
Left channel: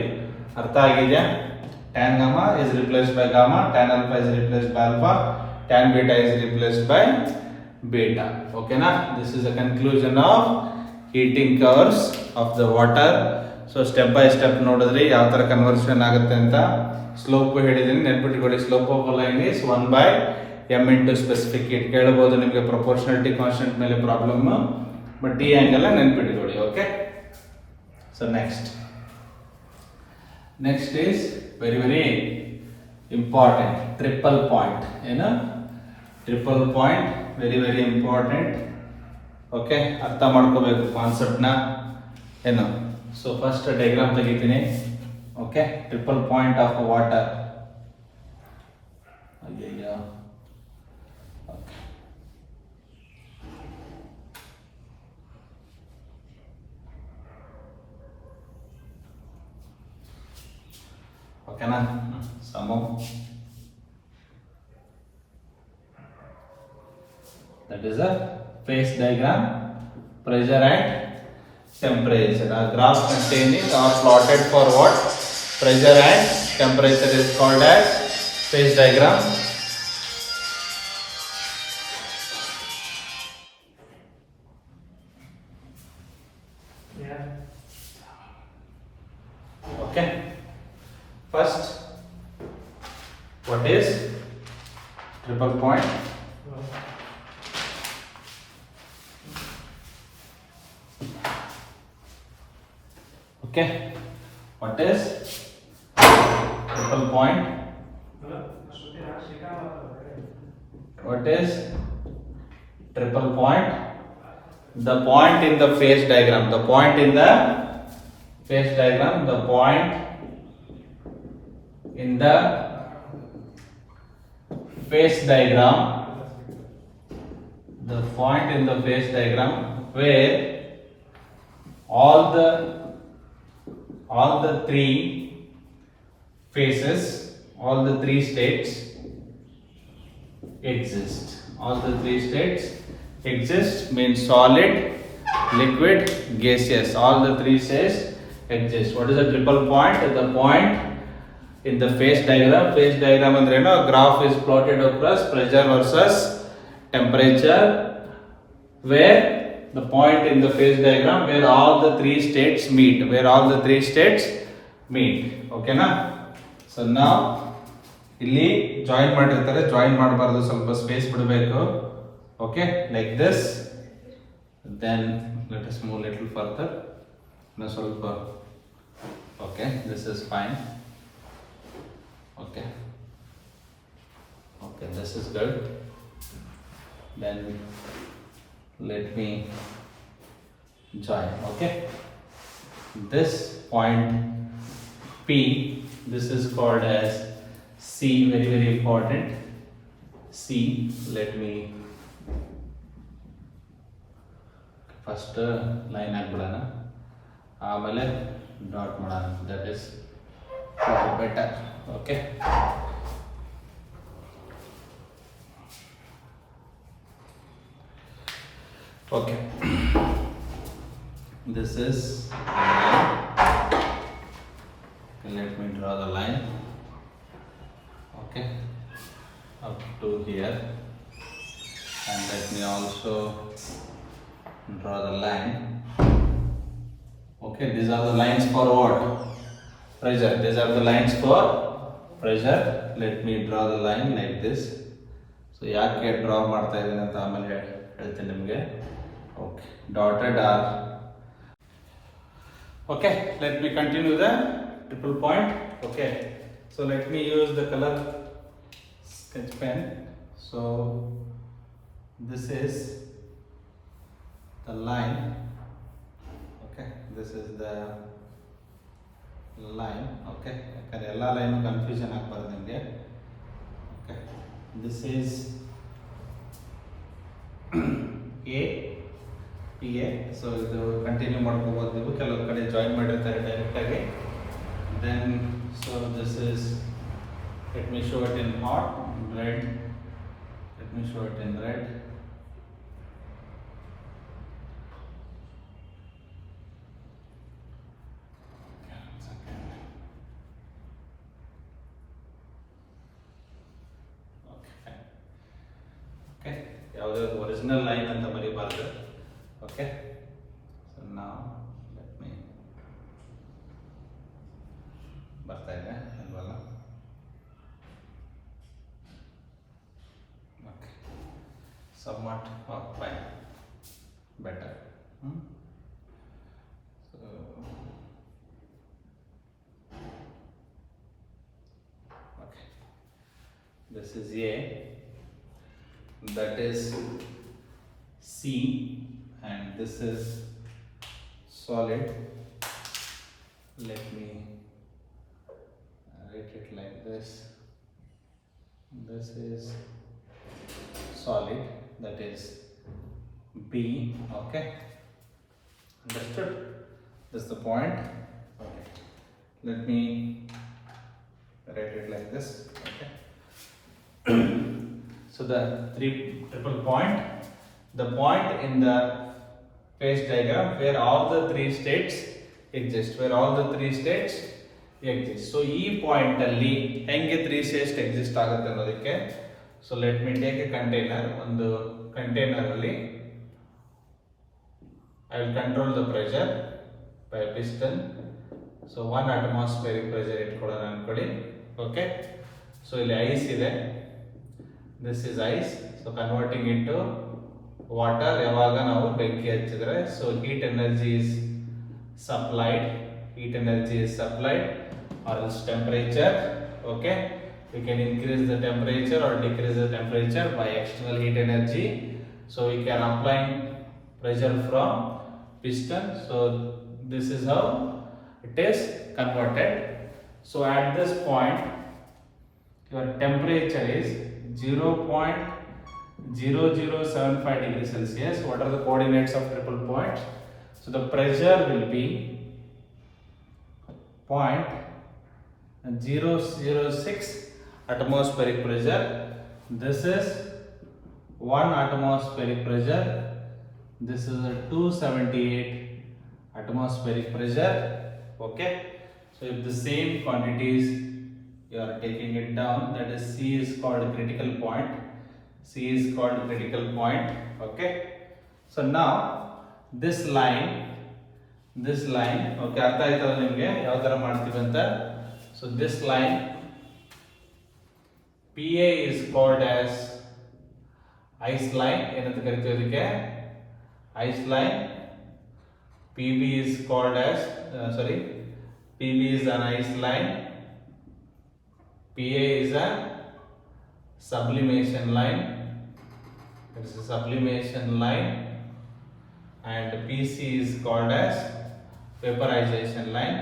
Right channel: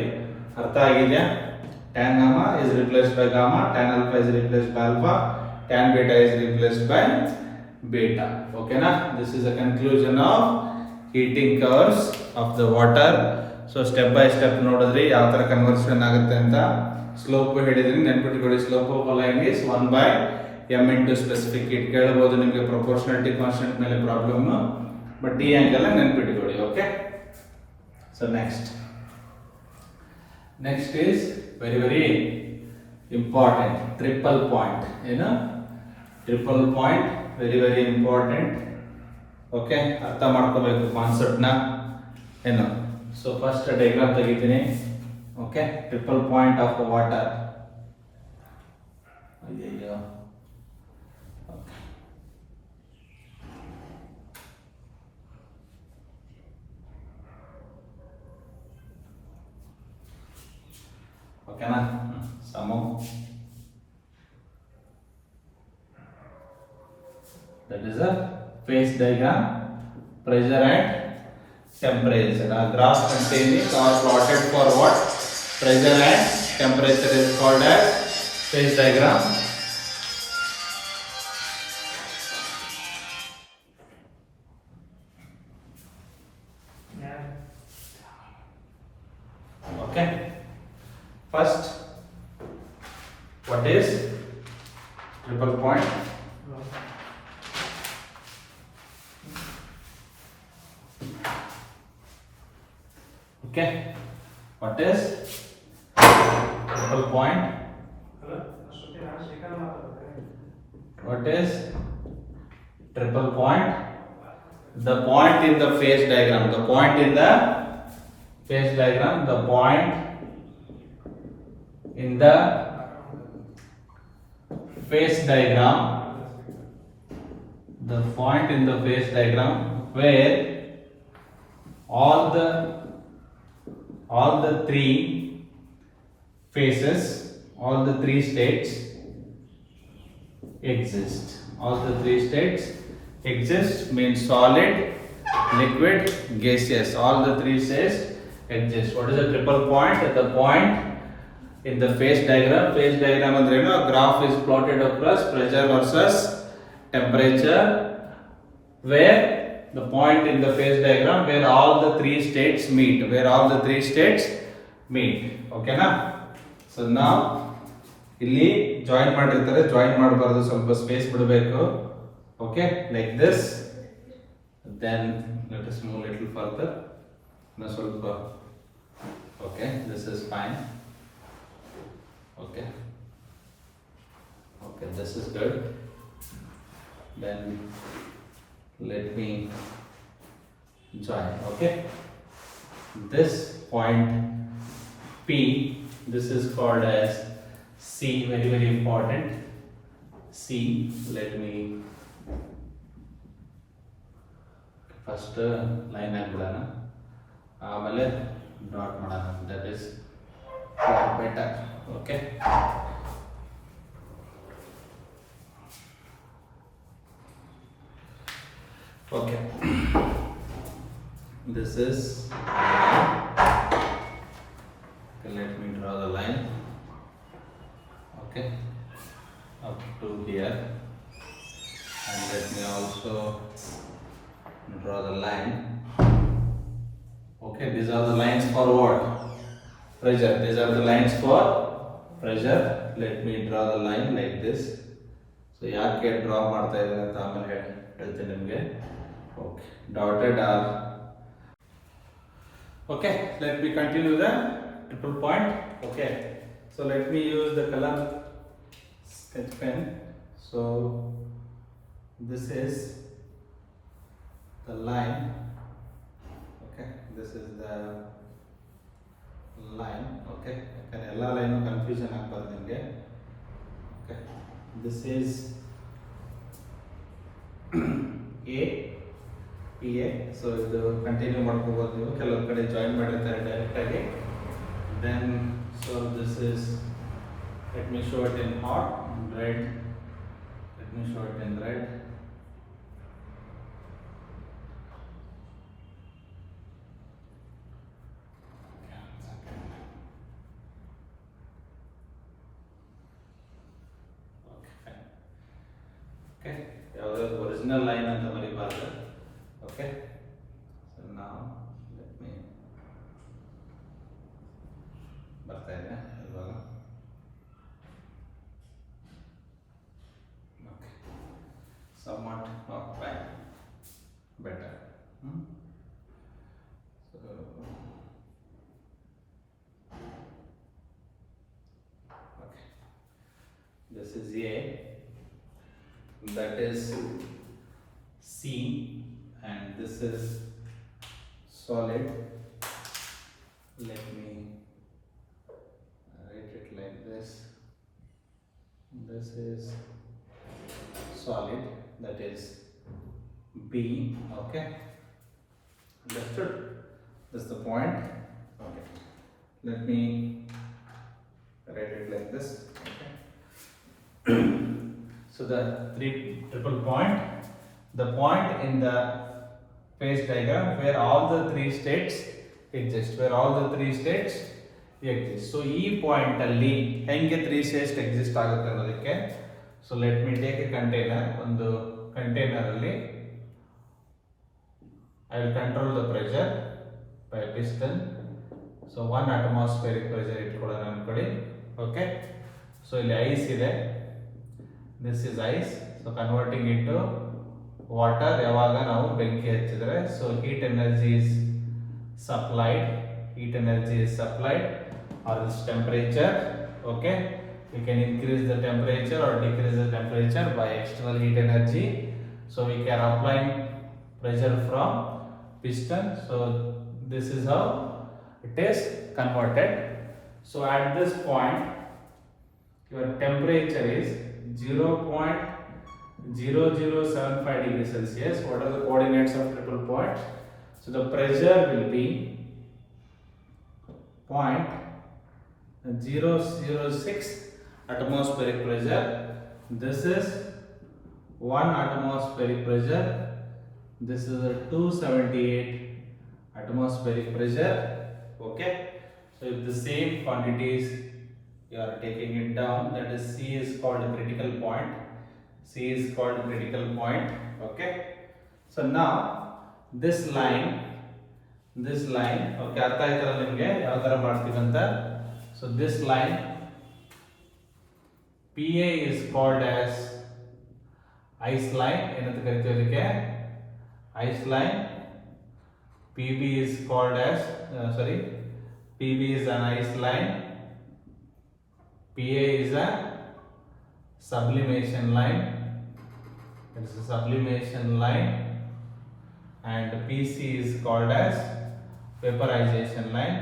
ಅರ್ಥ ಆಗಿದೆಯಾ? Tan gamma is replaced by gamma, tan alpha is replaced by alpha, tan beta is replaced by beta. Okay na? This is the conclusion of heating curves of the water. So step by step ನೋಡಿದ್ರಿ ಯಾವ ಥರ conversion ಆಗುತ್ತೆ ಅಂತ. Slope ಹೇಳಿದ್ದೀನಿ, ನೆನ್ಪಿಟ್ಕೊಳ್ಳಿ. Slope of a line is 1/m into specific heat. ಕೇಳಬಹುದು ನಿಮಗೆ proportionality constant ಮೇಲೆ ಪ್ರಾಬ್ಲಮ್, ಬಟ್ ಈ ಆ್ಯಂಗಲ್ ನೆನ್ಪಿಟ್ಕೊಳ್ಳಿ. Okay, so next is very important, triple point. ಏನು triple point, very important. Okay, ಅರ್ಥ ಮಾಡ್ಕೋಬೇಕು ಕಾನ್ಸೆಪ್ಟ್ನ. ಏನು, ಸೊ ಫಸ್ಟ್ ಡಯಾಗ್ರಾಮ್ ತೆಗಿತೀನಿ. Okay, triple point of water. ಅಯ್ಯಯ್ಯೋ, ಓಕೆನಾ? ಸಮ that is a phase diagram, pressure and temperature. A graph containing or plotted for what? Pressure and temperature is called as phase diagram. Okay, first, what is triple point? Okay, what is triple point? What is triple point? The point in the phase diagram. The point in the phase diagram. The point in the phase diagram. The point in the phase diagram where all the three phases, all the three states exist. All the three states exist means solid, liquid, gaseous. All the three states exist. What is a triple point? The point in the phase diagram. Phase diagram andre a graph is plotted across pressure versus temperature, where the point in the phase diagram where all the three states meet. Okay na? So now ಇಲ್ಲಿ join ಮಾಡಿರ್ತಾರೆ, join ಮಾಡಬಾರ್ದು, ಸ್ವಲ್ಪ space ಬಿಡಬೇಕು. Okay, like this. Then let us move little further. ಇನ್ನು ಸ್ವಲ್ಪ. Okay, this is fine. Okay, this is good. Then let me join. Okay, this point P, this is called as C. Very important. C. Let me first line ಹಾಕ್ಬಿಡೋಣ, ಆಮೇಲೆ ಡಾಟ್ ಮಾಡೋಣ. that is better. Okay, okay. This is line. Okay, let me draw the line. Okay, up to here, and let me also draw the line. Okay, these are the lines for what? Pressure. These are the lines for pressure. Let me draw the line like this. So ಯಾಕೆ ಡ್ರಾ ಮಾಡ್ತಾ ಇದ್ದೀನಿ ಅಂತ ಆಮೇಲೆ ಹೇಳ್ತೀನಿ ನಿಮಗೆ. Okay, dotted are. Okay, let me continue the triple point. Okay, so let me use the color sketch pen. So this is the line. Okay, this is the line. Okay, ಯಾಕಂದ್ರೆ ಎಲ್ಲ line confusion ಆಗ್ಬಾರ್ದು ನಿಮಗೆ. Okay, this is A, PA. So ಇದು continue ಮಾಡ್ಕೋಬೋದು ನೀವು, ಕೆಲವು ಕಡೆ join ಮಾಡಿರ್ತಾರೆ ಡೈರೆಕ್ಟಾಗಿ. Then so this is, let me show it in hot red. Let me show it in red. ಯಾವುದಾದ್ರು ಒರಿಜಿನಲ್ ಲೈನ್ ಅಂತ ಬರೀಬಾರ್ದು. Okay, so better. So okay, this is A, that is C, and this is solid. Let me write it like this. This is solid, that is B. Okay, understood? This is the point. Okay, let me write it like this. Okay. So the triple point, the point in the phase diagram where all the three states exist, So ಈ ಪಾಯಿಂಟ್ ಅಲ್ಲಿ ಹೆಂಗೆ 3 states exist ಆಗುತ್ತೆ ಅನ್ನೋದಕ್ಕೆ, so let me take a container. ಒಂದು container ಅಲ್ಲಿ I will control the pressure by piston. So 1 atmospheric pressure ಇಟ್ಕೊಳ್ಳೋಣ ಅನ್ಕೊಳ್ಳಿ. Okay, so ಇಲ್ಲಿ ಐಸ್ ಇದೆ, this is ice. So converting into water ಯಾವಾಗ ನಾವು ಬೆಂಕಿ ಹಚ್ಚಿದ್ರೆ, so heat energy is supplied or its temperature. Okay, we can increase the temperature or decrease the temperature by external heat energy. So we can apply pressure from piston. So this is how it is converted. So at this point your temperature is 0.0075 degrees Celsius. What are the coordinates of triple point? So the pressure will be 0.006 atmospheric pressure. This is 1 atmospheric pressure. This is a 278 atmospheric pressure. Okay, so if the same quantities you are taking it down, that is C is called critical point. Okay, so now this line, okay, ಅರ್ಥ ಆಯ್ತಲ್ಲ ನಿಮಗೆ ಯಾವ ತರ ಮಾಡ್ತೀವಿ ಅಂತ. So this line PA is called as ice line. ಏನಂತ ಕರಿತೀವಿ ಅದಕ್ಕೆ? Ice line. PB is called as PB is an ice line. PA is a sublimation line. It is a sublimation line. And PC is called as vaporization line.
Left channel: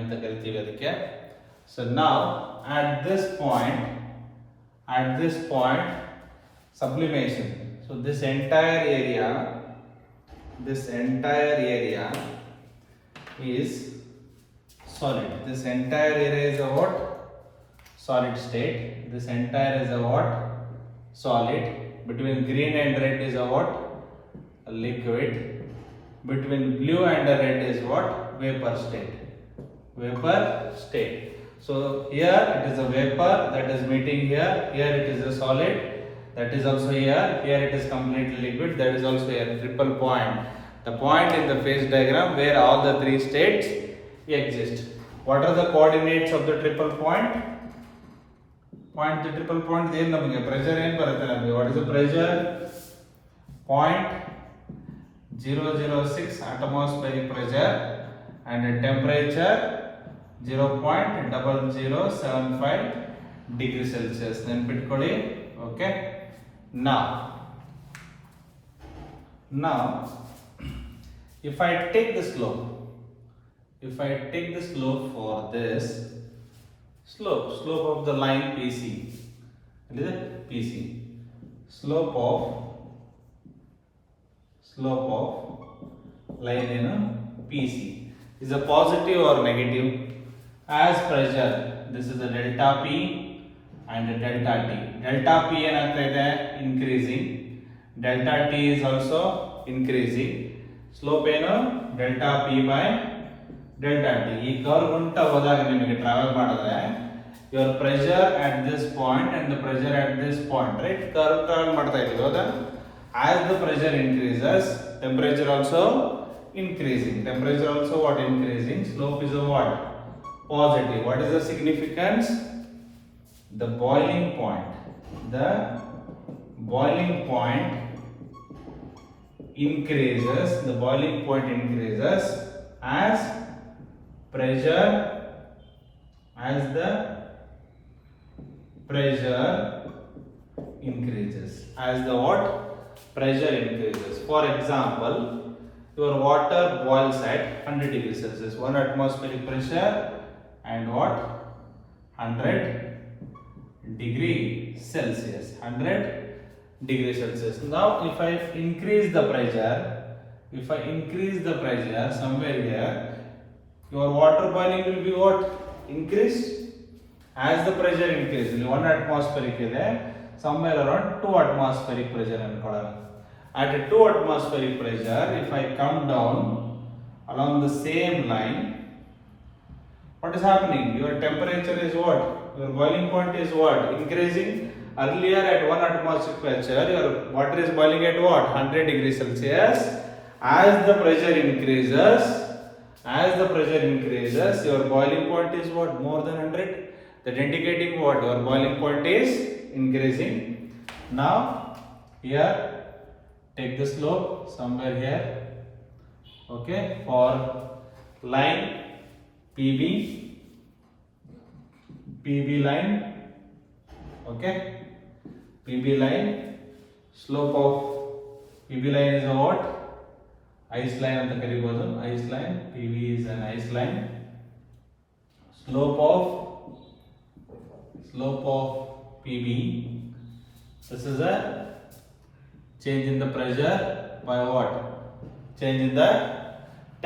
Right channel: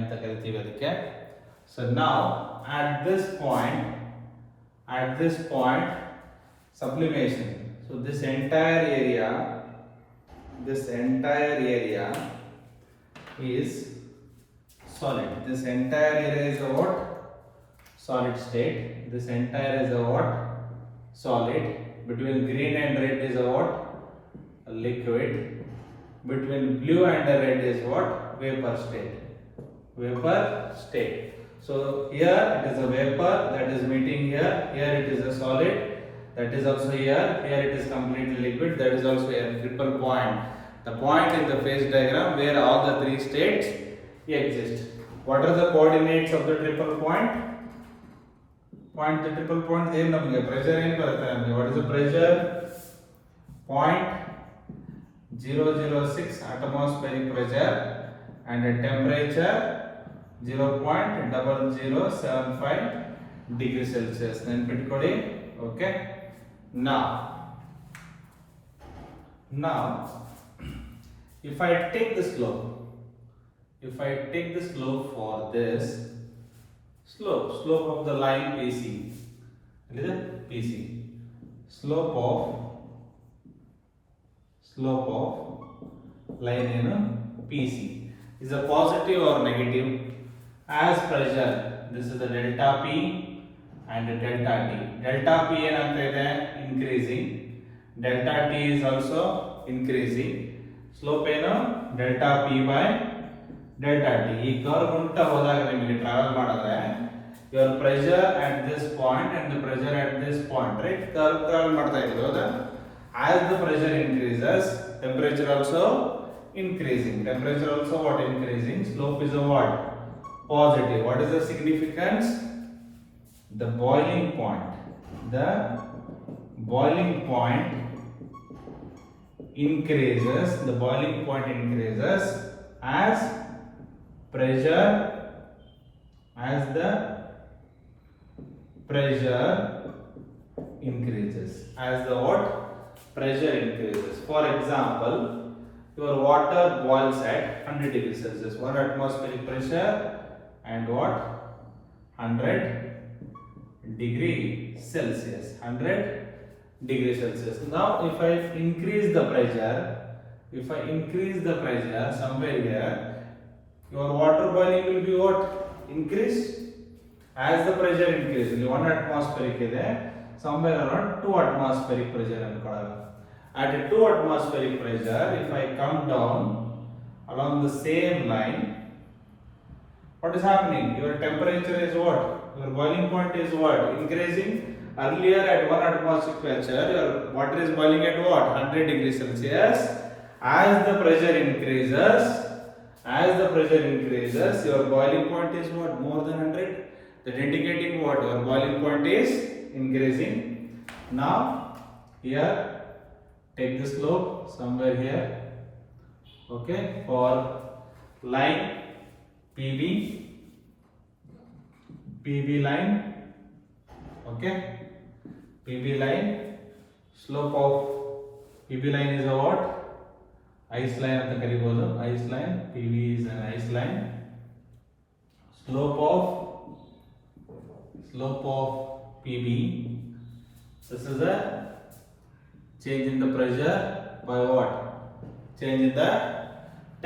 ಅಂತ ಕರಿತೀವಿ ಅದಕ್ಕೆ. So now at this point sublimation. So this entire area is solid. This entire area is a what? Solid state. This entire is a what? Solid. Between green and red is a what? A liquid. Between blue and red is what? Vapor state. So here it is a vapor that is meeting here. Here it is a solid. That is also here. Here it is completely liquid. That is also a triple point. The point in the phase diagram where all the three states exist. What are the coordinates of the triple point? The triple point ಏನು ನಮಗೆ ಪ್ರೆಷರ್ ಏನು ಬರುತ್ತೆ ನಮಗೆ? What is the pressure? 0.006 atmospheric pressure and a temperature 0.0075 degrees Celsius. ನೆನಪಿಟ್ಕೊಳ್ಳಿ. Okay, now if I take the slope for this slope of the line PC, slope of line PC is a positive or negative? As pressure, this is the delta P and delta T. Delta P ಏನಾಗ್ತಾ ಇದೆ? Increasing. Delta T is also increasing. Slope ಏನು? Delta P by delta T. ಈ ಕರ್ವ್ ಉಂಟ ಹೋದಾಗ ನಿಮಗೆ ಟ್ರಾವೆಲ್ ಮಾಡಿದ್ರೆ your pressure at this point and the pressure at this point, right? Curve travel ಮಾಡ್ತಾ ಇದೆ ಹೌದಾ? As the pressure increases, temperature also increasing. Temperature also what? Increasing. Slope is a what? Positive. What is the significance? The boiling point boiling point increases, the boiling point increases as pressure, as the pressure increases, as the what? Pressure increases. For example, your water boils at 100 degrees Celsius, 1 atmospheric pressure and what? 100 degree Celsius, 100 degree Celsius. Now if I increase the pressure, somewhere here, your water boiling will be what? Increased. As the pressure increases, 1 atmospheric ಇದೆ, somewhere around 2 atmospheric pressure ಅನ್ಕೊಳ್ಳೋಣ. At a 2 atmospheric pressure, if I come down along the same line, what is happening? Your temperature is what? Your boiling point is what? Increasing. Earlier at 1 atmospheric pressure, your water is boiling at what? 100 degrees Celsius. As the pressure increases, your boiling point is what? More than 100. That indicating what? Your boiling point is increasing. Now here, take the slope somewhere here. Okay, for line PB line. Okay, PB line, slope of PB line is a what? Ice line anta karibodu. Ice line, PB is an ice line. Slope of PB. This is a change in the pressure by what? Change in the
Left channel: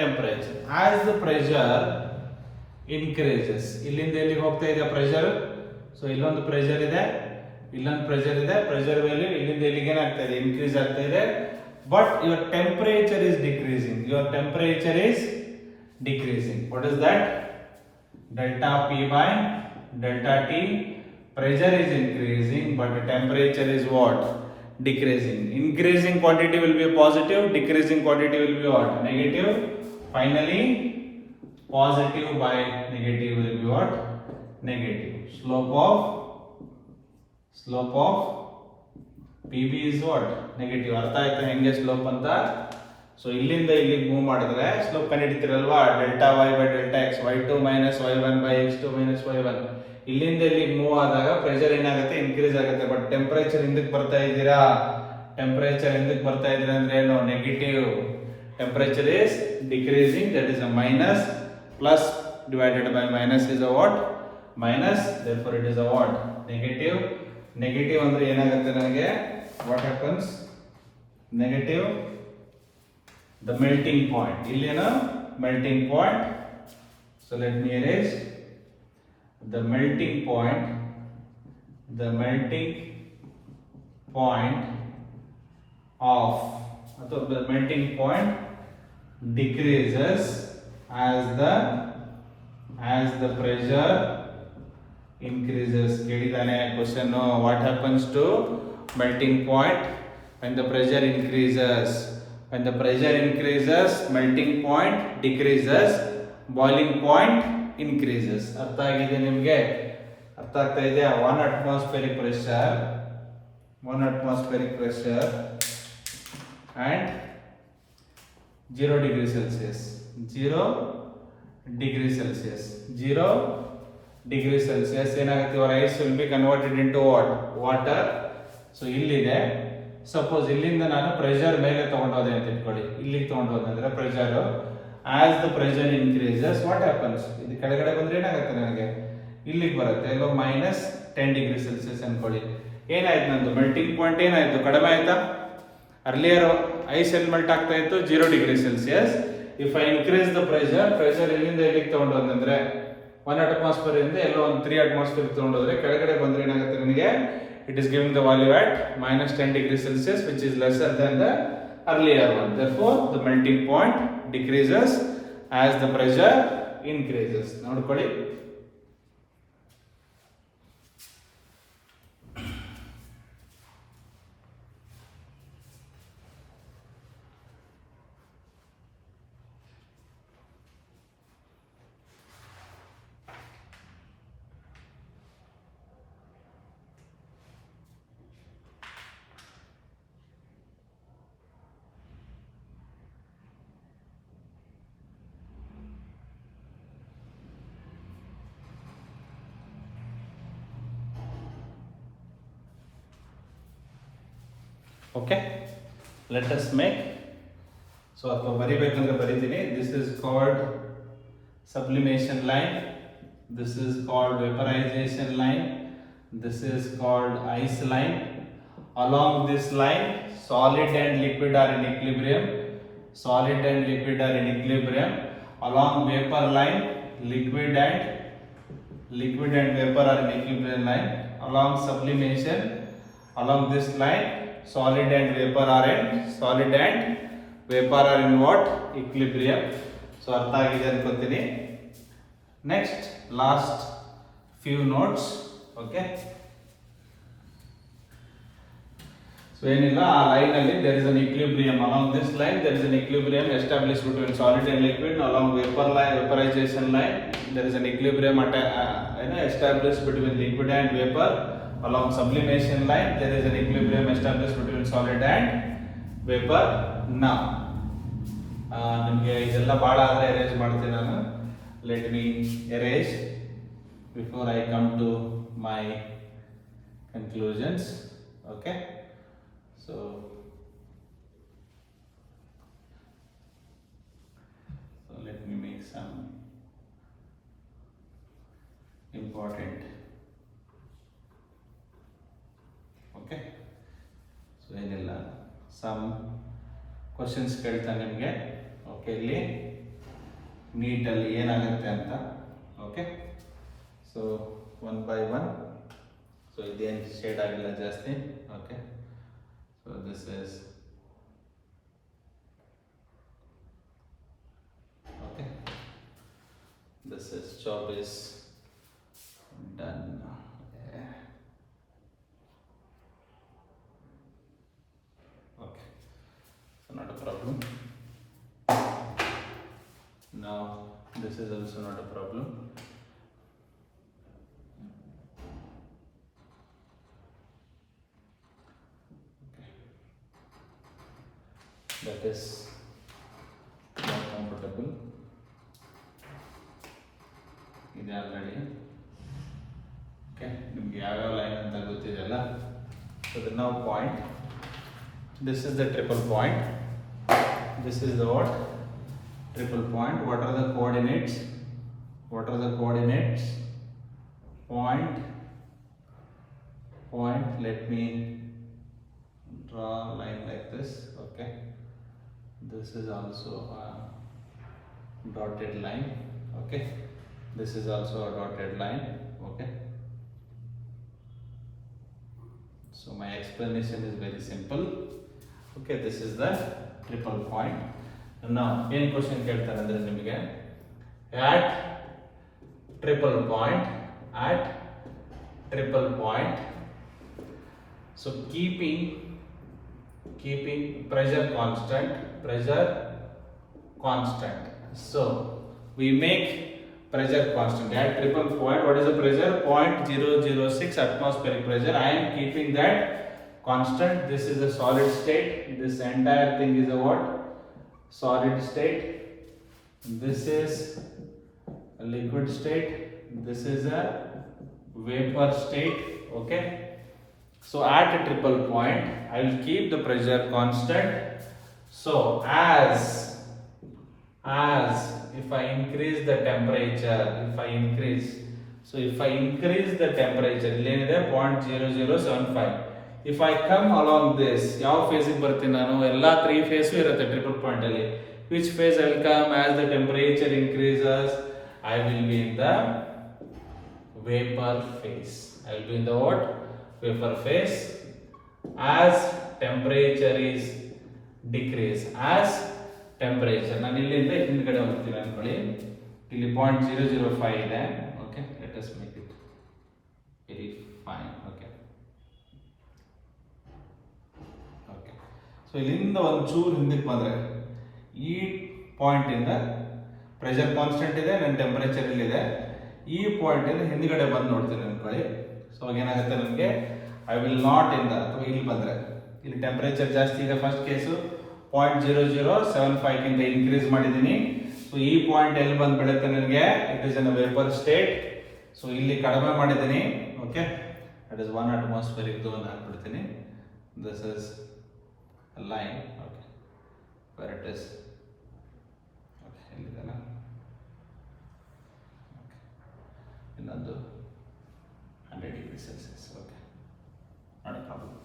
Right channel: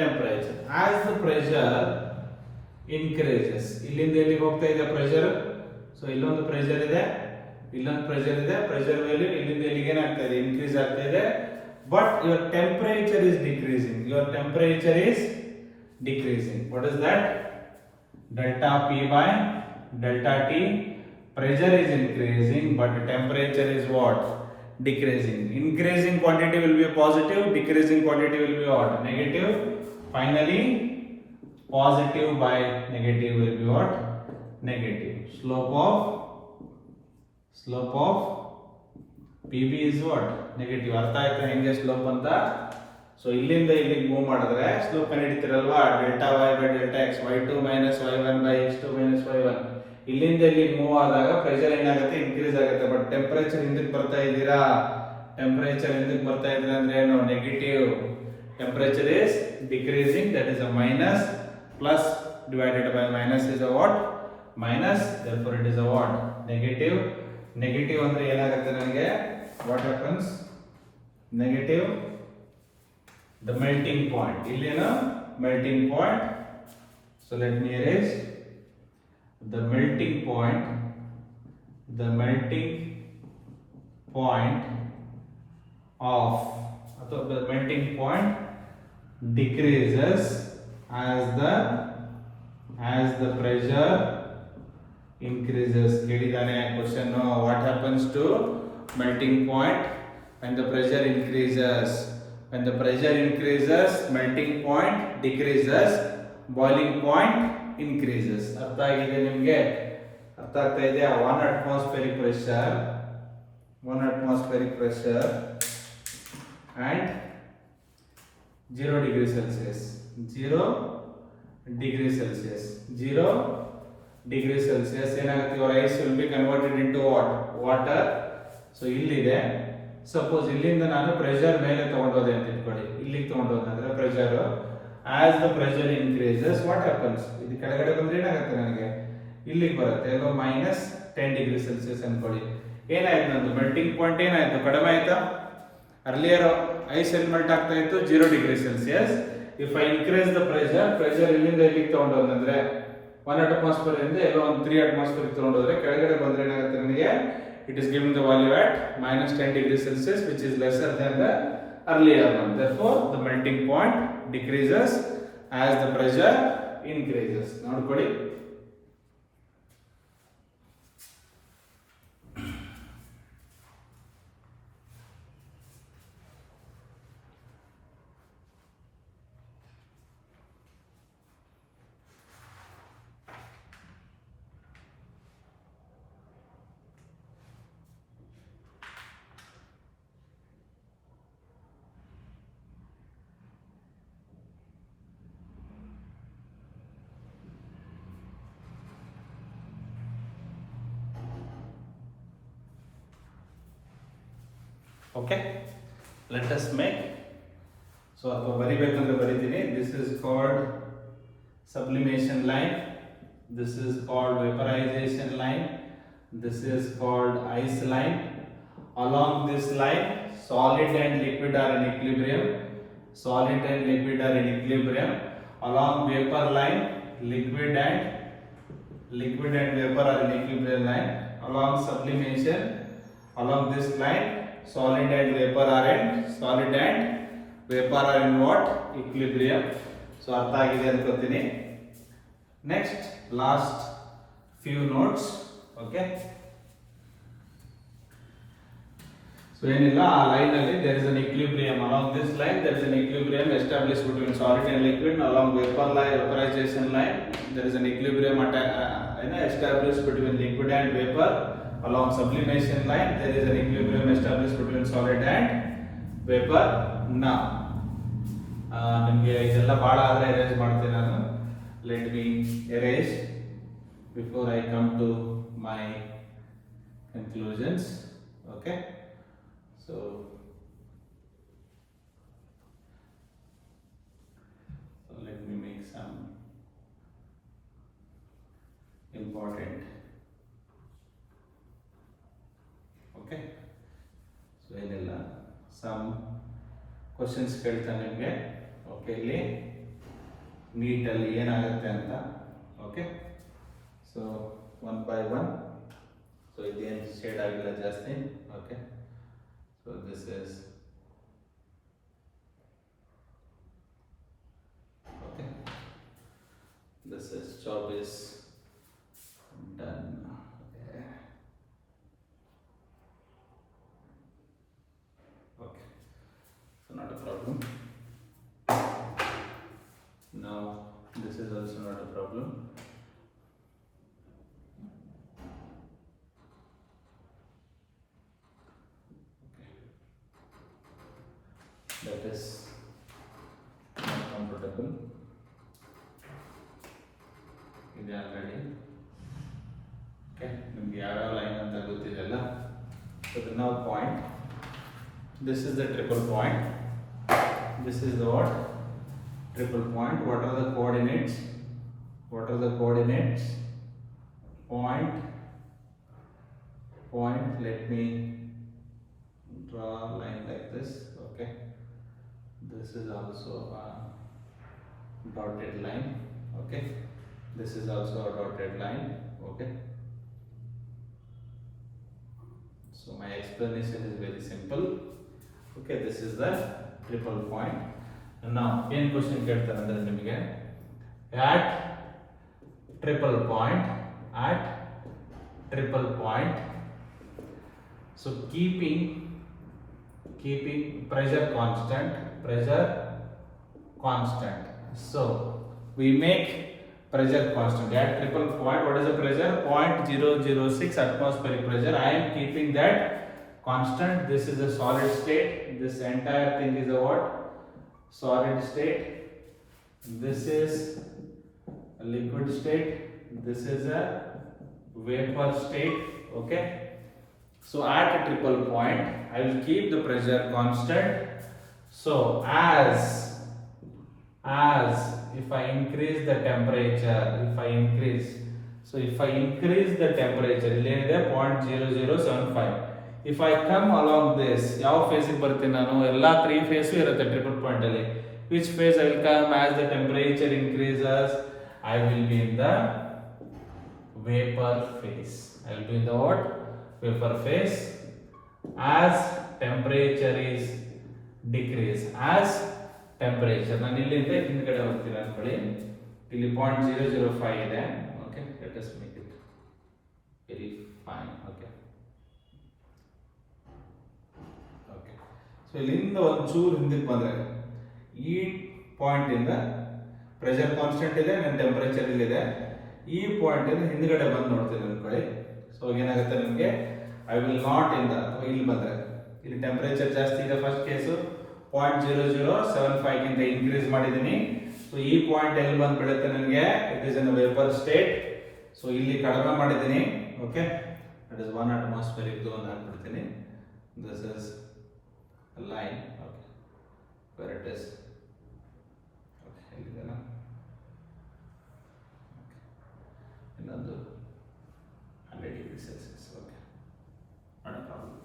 temperature. As the pressure increases, ಇಲ್ಲಿಂದ ಎಲ್ಲಿಗೆ ಹೋಗ್ತಾ ಇದೆ pressure? So ಇಲ್ಲೊಂದು pressure ಇದೆ, ಇಲ್ಲೊಂದು pressure ಇದೆ, pressure value ಇಲ್ಲಿಂದ ಎಲ್ಲಿಗೆ ಏನಾಗ್ತಾ ಇದೆ? Increase ಆಗ್ತಾ ಇದೆ. But your temperature is decreasing. What is that? Delta P by delta T. Pressure is increasing, but the temperature is what? Decreasing. Increasing quantity will be positive, decreasing quantity will be what? Negative. Finally, positive by negative will be what? Negative. Slope of PB is what? Negative. ಅರ್ಥ ಆಯ್ತಾ ಹೆಂಗೆ ಸ್ಲೋಪ್ ಅಂತ? ಸೊ ಇಲ್ಲಿಂದ ಇಲ್ಲಿಗೆ move ಮಾಡಿದ್ರೆ slope ಕಂಡುಹಿಡಿತೀರಲ್ವಾ? Delta y by delta x, y2 minus y1 by x2 minus y1. ಇಲ್ಲಿಂದ ಇಲ್ಲಿಗೆ ಮೂವ್ ಆದಾಗ ಪ್ರೆಷರ್ ಏನಾಗುತ್ತೆ? ಇನ್ಕ್ರೀಸ್ ಆಗುತ್ತೆ. ಬಟ್ ಟೆಂಪರೇಚರ್ ಹಿಂದಕ್ಕೆ ಬರ್ತಾ ಇದ್ದೀರಾ ಅಂದ್ರೆ ಏನು? Negative. Temperature is decreasing, that is a minus. Plus divided by minus is a what? Minus, therefore it is a what? Negative. Negative ಅಂದ್ರೆ ಏನಾಗುತ್ತೆ ನನಗೆ? What happens? Negative. The melting point. ಇಲ್ಲೇನು? Melting point. So let me erase. The melting point of, ಅಥವಾ the melting point decreases as the pressure increases. ಕೇಳಿದಾನೆ question. What happens to melting point when the pressure increases? When the pressure increases, melting point decreases, boiling point increases. ಅರ್ಥ ಆಗಿದೆ ನಿಮಗೆ? ಅರ್ಥ ಆಗ್ತಾ ಇದೆಯಾ? 1 atmospheric pressure and 0 degree Celsius. 0 degree Celsius ಏನಾಗುತ್ತೆ? your ice will be converted into what? Water. So ಇಲ್ಲಿದೆ, ಸಪೋಸ್ ಇಲ್ಲಿಂದ ನಾನು ಪ್ರೆಷರ್ ಮೇಲೆ ತಗೊಂಡೋದೆ ಅಂತ ಇಟ್ಕೊಳ್ಳಿ, ಇಲ್ಲಿಗೆ ತಗೊಂಡೋದೆ ಅಂದ್ರೆ pressure, as the pressure increases what happens? ಇದು ಕೆಳಗಡೆ ಬಂದ್ರೆ ಏನಾಗುತ್ತೆ ನನಗೆ? ಇಲ್ಲಿಗೆ ಬರುತ್ತೆ, ಎಲ್ಲೋ -10 ಡಿಗ್ರಿ ಸೆಲ್ಸಿಯಸ್ ಅನ್ಕೊಳ್ಳಿ. ಏನಾಯ್ತು? ನಂದು ಮೆಲ್ಟಿಂಗ್ ಪಾಯಿಂಟ್ ಏನಾಯ್ತು? ಕಡಿಮೆ ಆಯ್ತಾ? ಅರ್ಲಿಯರ್ ಐಸ್ ಎಲ್ಲಿ ಮೆಲ್ಟ್ ಆಗ್ತಾ ಇತ್ತು? 0 degree Celsius. If I increase the pressure ಇಲ್ಲಿಂದ ಎಲ್ಲಿಗೆ ತಗೊಂಡೋದಂದ್ರೆ 1 atmosphere ಇಂದ ಎಲ್ಲೋ ಒಂದು 3 atmosphere ತಗೊಂಡೋದ್ರೆ ಕೆಳಗಡೆ ಬಂದ್ರೆ ಏನಾಗುತ್ತೆ ನನಗೆ? It is giving the value at -10 degrees Celsius, which is lesser than the earlier one. Therefore, the melting point decreases as the pressure increases. ನೋಡ್ಕೊಳ್ಳಿ. Okay, let us make. So ಅಥವಾ ಬರಿಬೇಕಂದ್ರೆ ಬರಿತೀನಿ. This is called sublimation line, this is called vaporization line, this is called ice line. Along this line, solid and liquid are in equilibrium, solid and liquid are in equilibrium. Along vapor line, liquid and vapor are in equilibrium line. Along sublimation, along this line, solid and vapor are in what? Equilibrium. So ಅರ್ಥ ಆಗಿದೆ ಅನ್ಕೋತೀನಿ. Next, last few notes. Okay, so ಏನಿಲ್ಲ, ಆ ಲೈನ್ ಅಲ್ಲಿ there is an equilibrium. Along this line there is an equilibrium established between solid and liquid. Along vapor line, vaporization line, there is an equilibrium established between liquid and vapor. Along sublimation line there is an equilibrium established between solid and vapor. Now ನಿಮಗೆ ಇದೆಲ್ಲ ಭಾಳ ಆದರೆ ಅರೇಂಜ್ ಮಾಡ್ತೀನಿ ನಾನು. Let me erase before I come to my conclusions. Okay, so let me make some important. Okay, so ಏನಿಲ್ಲ, some questions ಕೇಳ್ತಾನೆ ನಿಮಗೆ. ಓಕೆ, ಇಲ್ಲಿ ನೀಟಲ್ಲಿ ಏನಾಗುತ್ತೆ ಅಂತ. Okay, so one by one. So ಇದೇನು ಶೇಡ್ ಆಗಿಲ್ಲ ಜಾಸ್ತಿ. Okay, so this is okay, this is job is done. Okay, so not a problem. Now this is also not a problem. Okay, that is not comfortable. ಇದು already okay, ನಿಮ್ಗೆ ಯಾವ್ಯಾವ line ಅಂತ ಗೊತ್ತಿದೆಯಲ್ಲ. So the now point, this is the triple point, this is the what? Triple point. What are the coordinates? What are the coordinates? Point. Let me draw a line like this. Okay, this is also a dotted line. Okay, this is also a dotted line. Okay, so my explanation is very simple. Okay, this is the triple point. Now ಏನು ಕ್ವಶನ್ ಕೇಳ್ತಾರೆ ಅಂದರೆ ನಿಮಗೆ at triple point, so keeping pressure constant, so we make pressure constant at triple point. What is the pressure? 0.006 atmospheric pressure. I am keeping that constant. This is a solid state. This entire thing is a what? Solid state. This is a liquid state. This is a vapor state. Okay, so at a triple point I will keep the pressure constant. So as if I increase the temperature, if I increase the temperature, illénide 0.0075, if I come along this, ಯಾವ ಫೇಸಿಗೆ ಬರ್ತೀನಿ ನಾನು? ಎಲ್ಲ 3 ಫೇಸು ಇರುತ್ತೆ triple point ಅಲ್ಲಿ. Which phase I will come? As the temperature increases, I will be in the vapor phase. I will be in the what? Vapor phase. As temperature is decrease, as temperature, ನಾನು ಇಲ್ಲಿಂದ ಹಿಂದ್ಗಡೆ ಹೋಗ್ತೀನಿ ಅನ್ಕೊಳ್ಳಿ. ಇಲ್ಲಿ 0.005 ಇದೆ. Okay, let us make it very fine. Okay, so ಇಲ್ಲಿಂದ ಒಂಚೂರು ಹಿಂದಕ್ಕೆ ಬಂದರೆ ಈ ಪಾಯಿಂಟ್ ಇಂದ ಪ್ರೆಷರ್ ಕಾನ್ಸ್ಟೆಂಟ್ ಇದೆ, ನನ್ನ ಟೆಂಪರೇಚರ್ ಇಲ್ಲಿದೆ. ಈ ಪಾಯಿಂಟ್ ಇಂದ ಹಿಂದ್ಗಡೆ ಬಂದು ನೋಡ್ತೀನಿ ಅನ್ಕೊಳ್ಳಿ. ಸೊ ಏನಾಗುತ್ತೆ ನಿಮಗೆ? ಐ ವಿಲ್ ನಾಟ್ ಇಂದ, ಅಥವಾ ಇಲ್ಲಿ ಬಂದರೆ ಇಲ್ಲಿ ಟೆಂಪರೇಚರ್ ಜಾಸ್ತಿ ಇದೆ. ಫಸ್ಟ್ ಕೇಸು 0.0075 ಗಿಂತ ಇನ್ಕ್ರೀಸ್ ಮಾಡಿದ್ದೀನಿ. ಸೊ ಈ ಪಾಯಿಂಟ್ ಎಲ್ಲಿ ಬಂದು ಬೀಳುತ್ತೆ ನನಗೆ? It is in vapour state. So ಇಲ್ಲಿ ಕಡಿಮೆ ಮಾಡಿದ್ದೀನಿ. Okay, that is 1 atmospheric zone ಹಾಕ್ಬಿಡ್ತೀನಿ. This is line. Okay, where it is. Okay, ಇಲ್ಲಿದೆನಾ? Okay, ಇನ್ನೊಂದು 100 degrees Celsius. Okay, not a problem.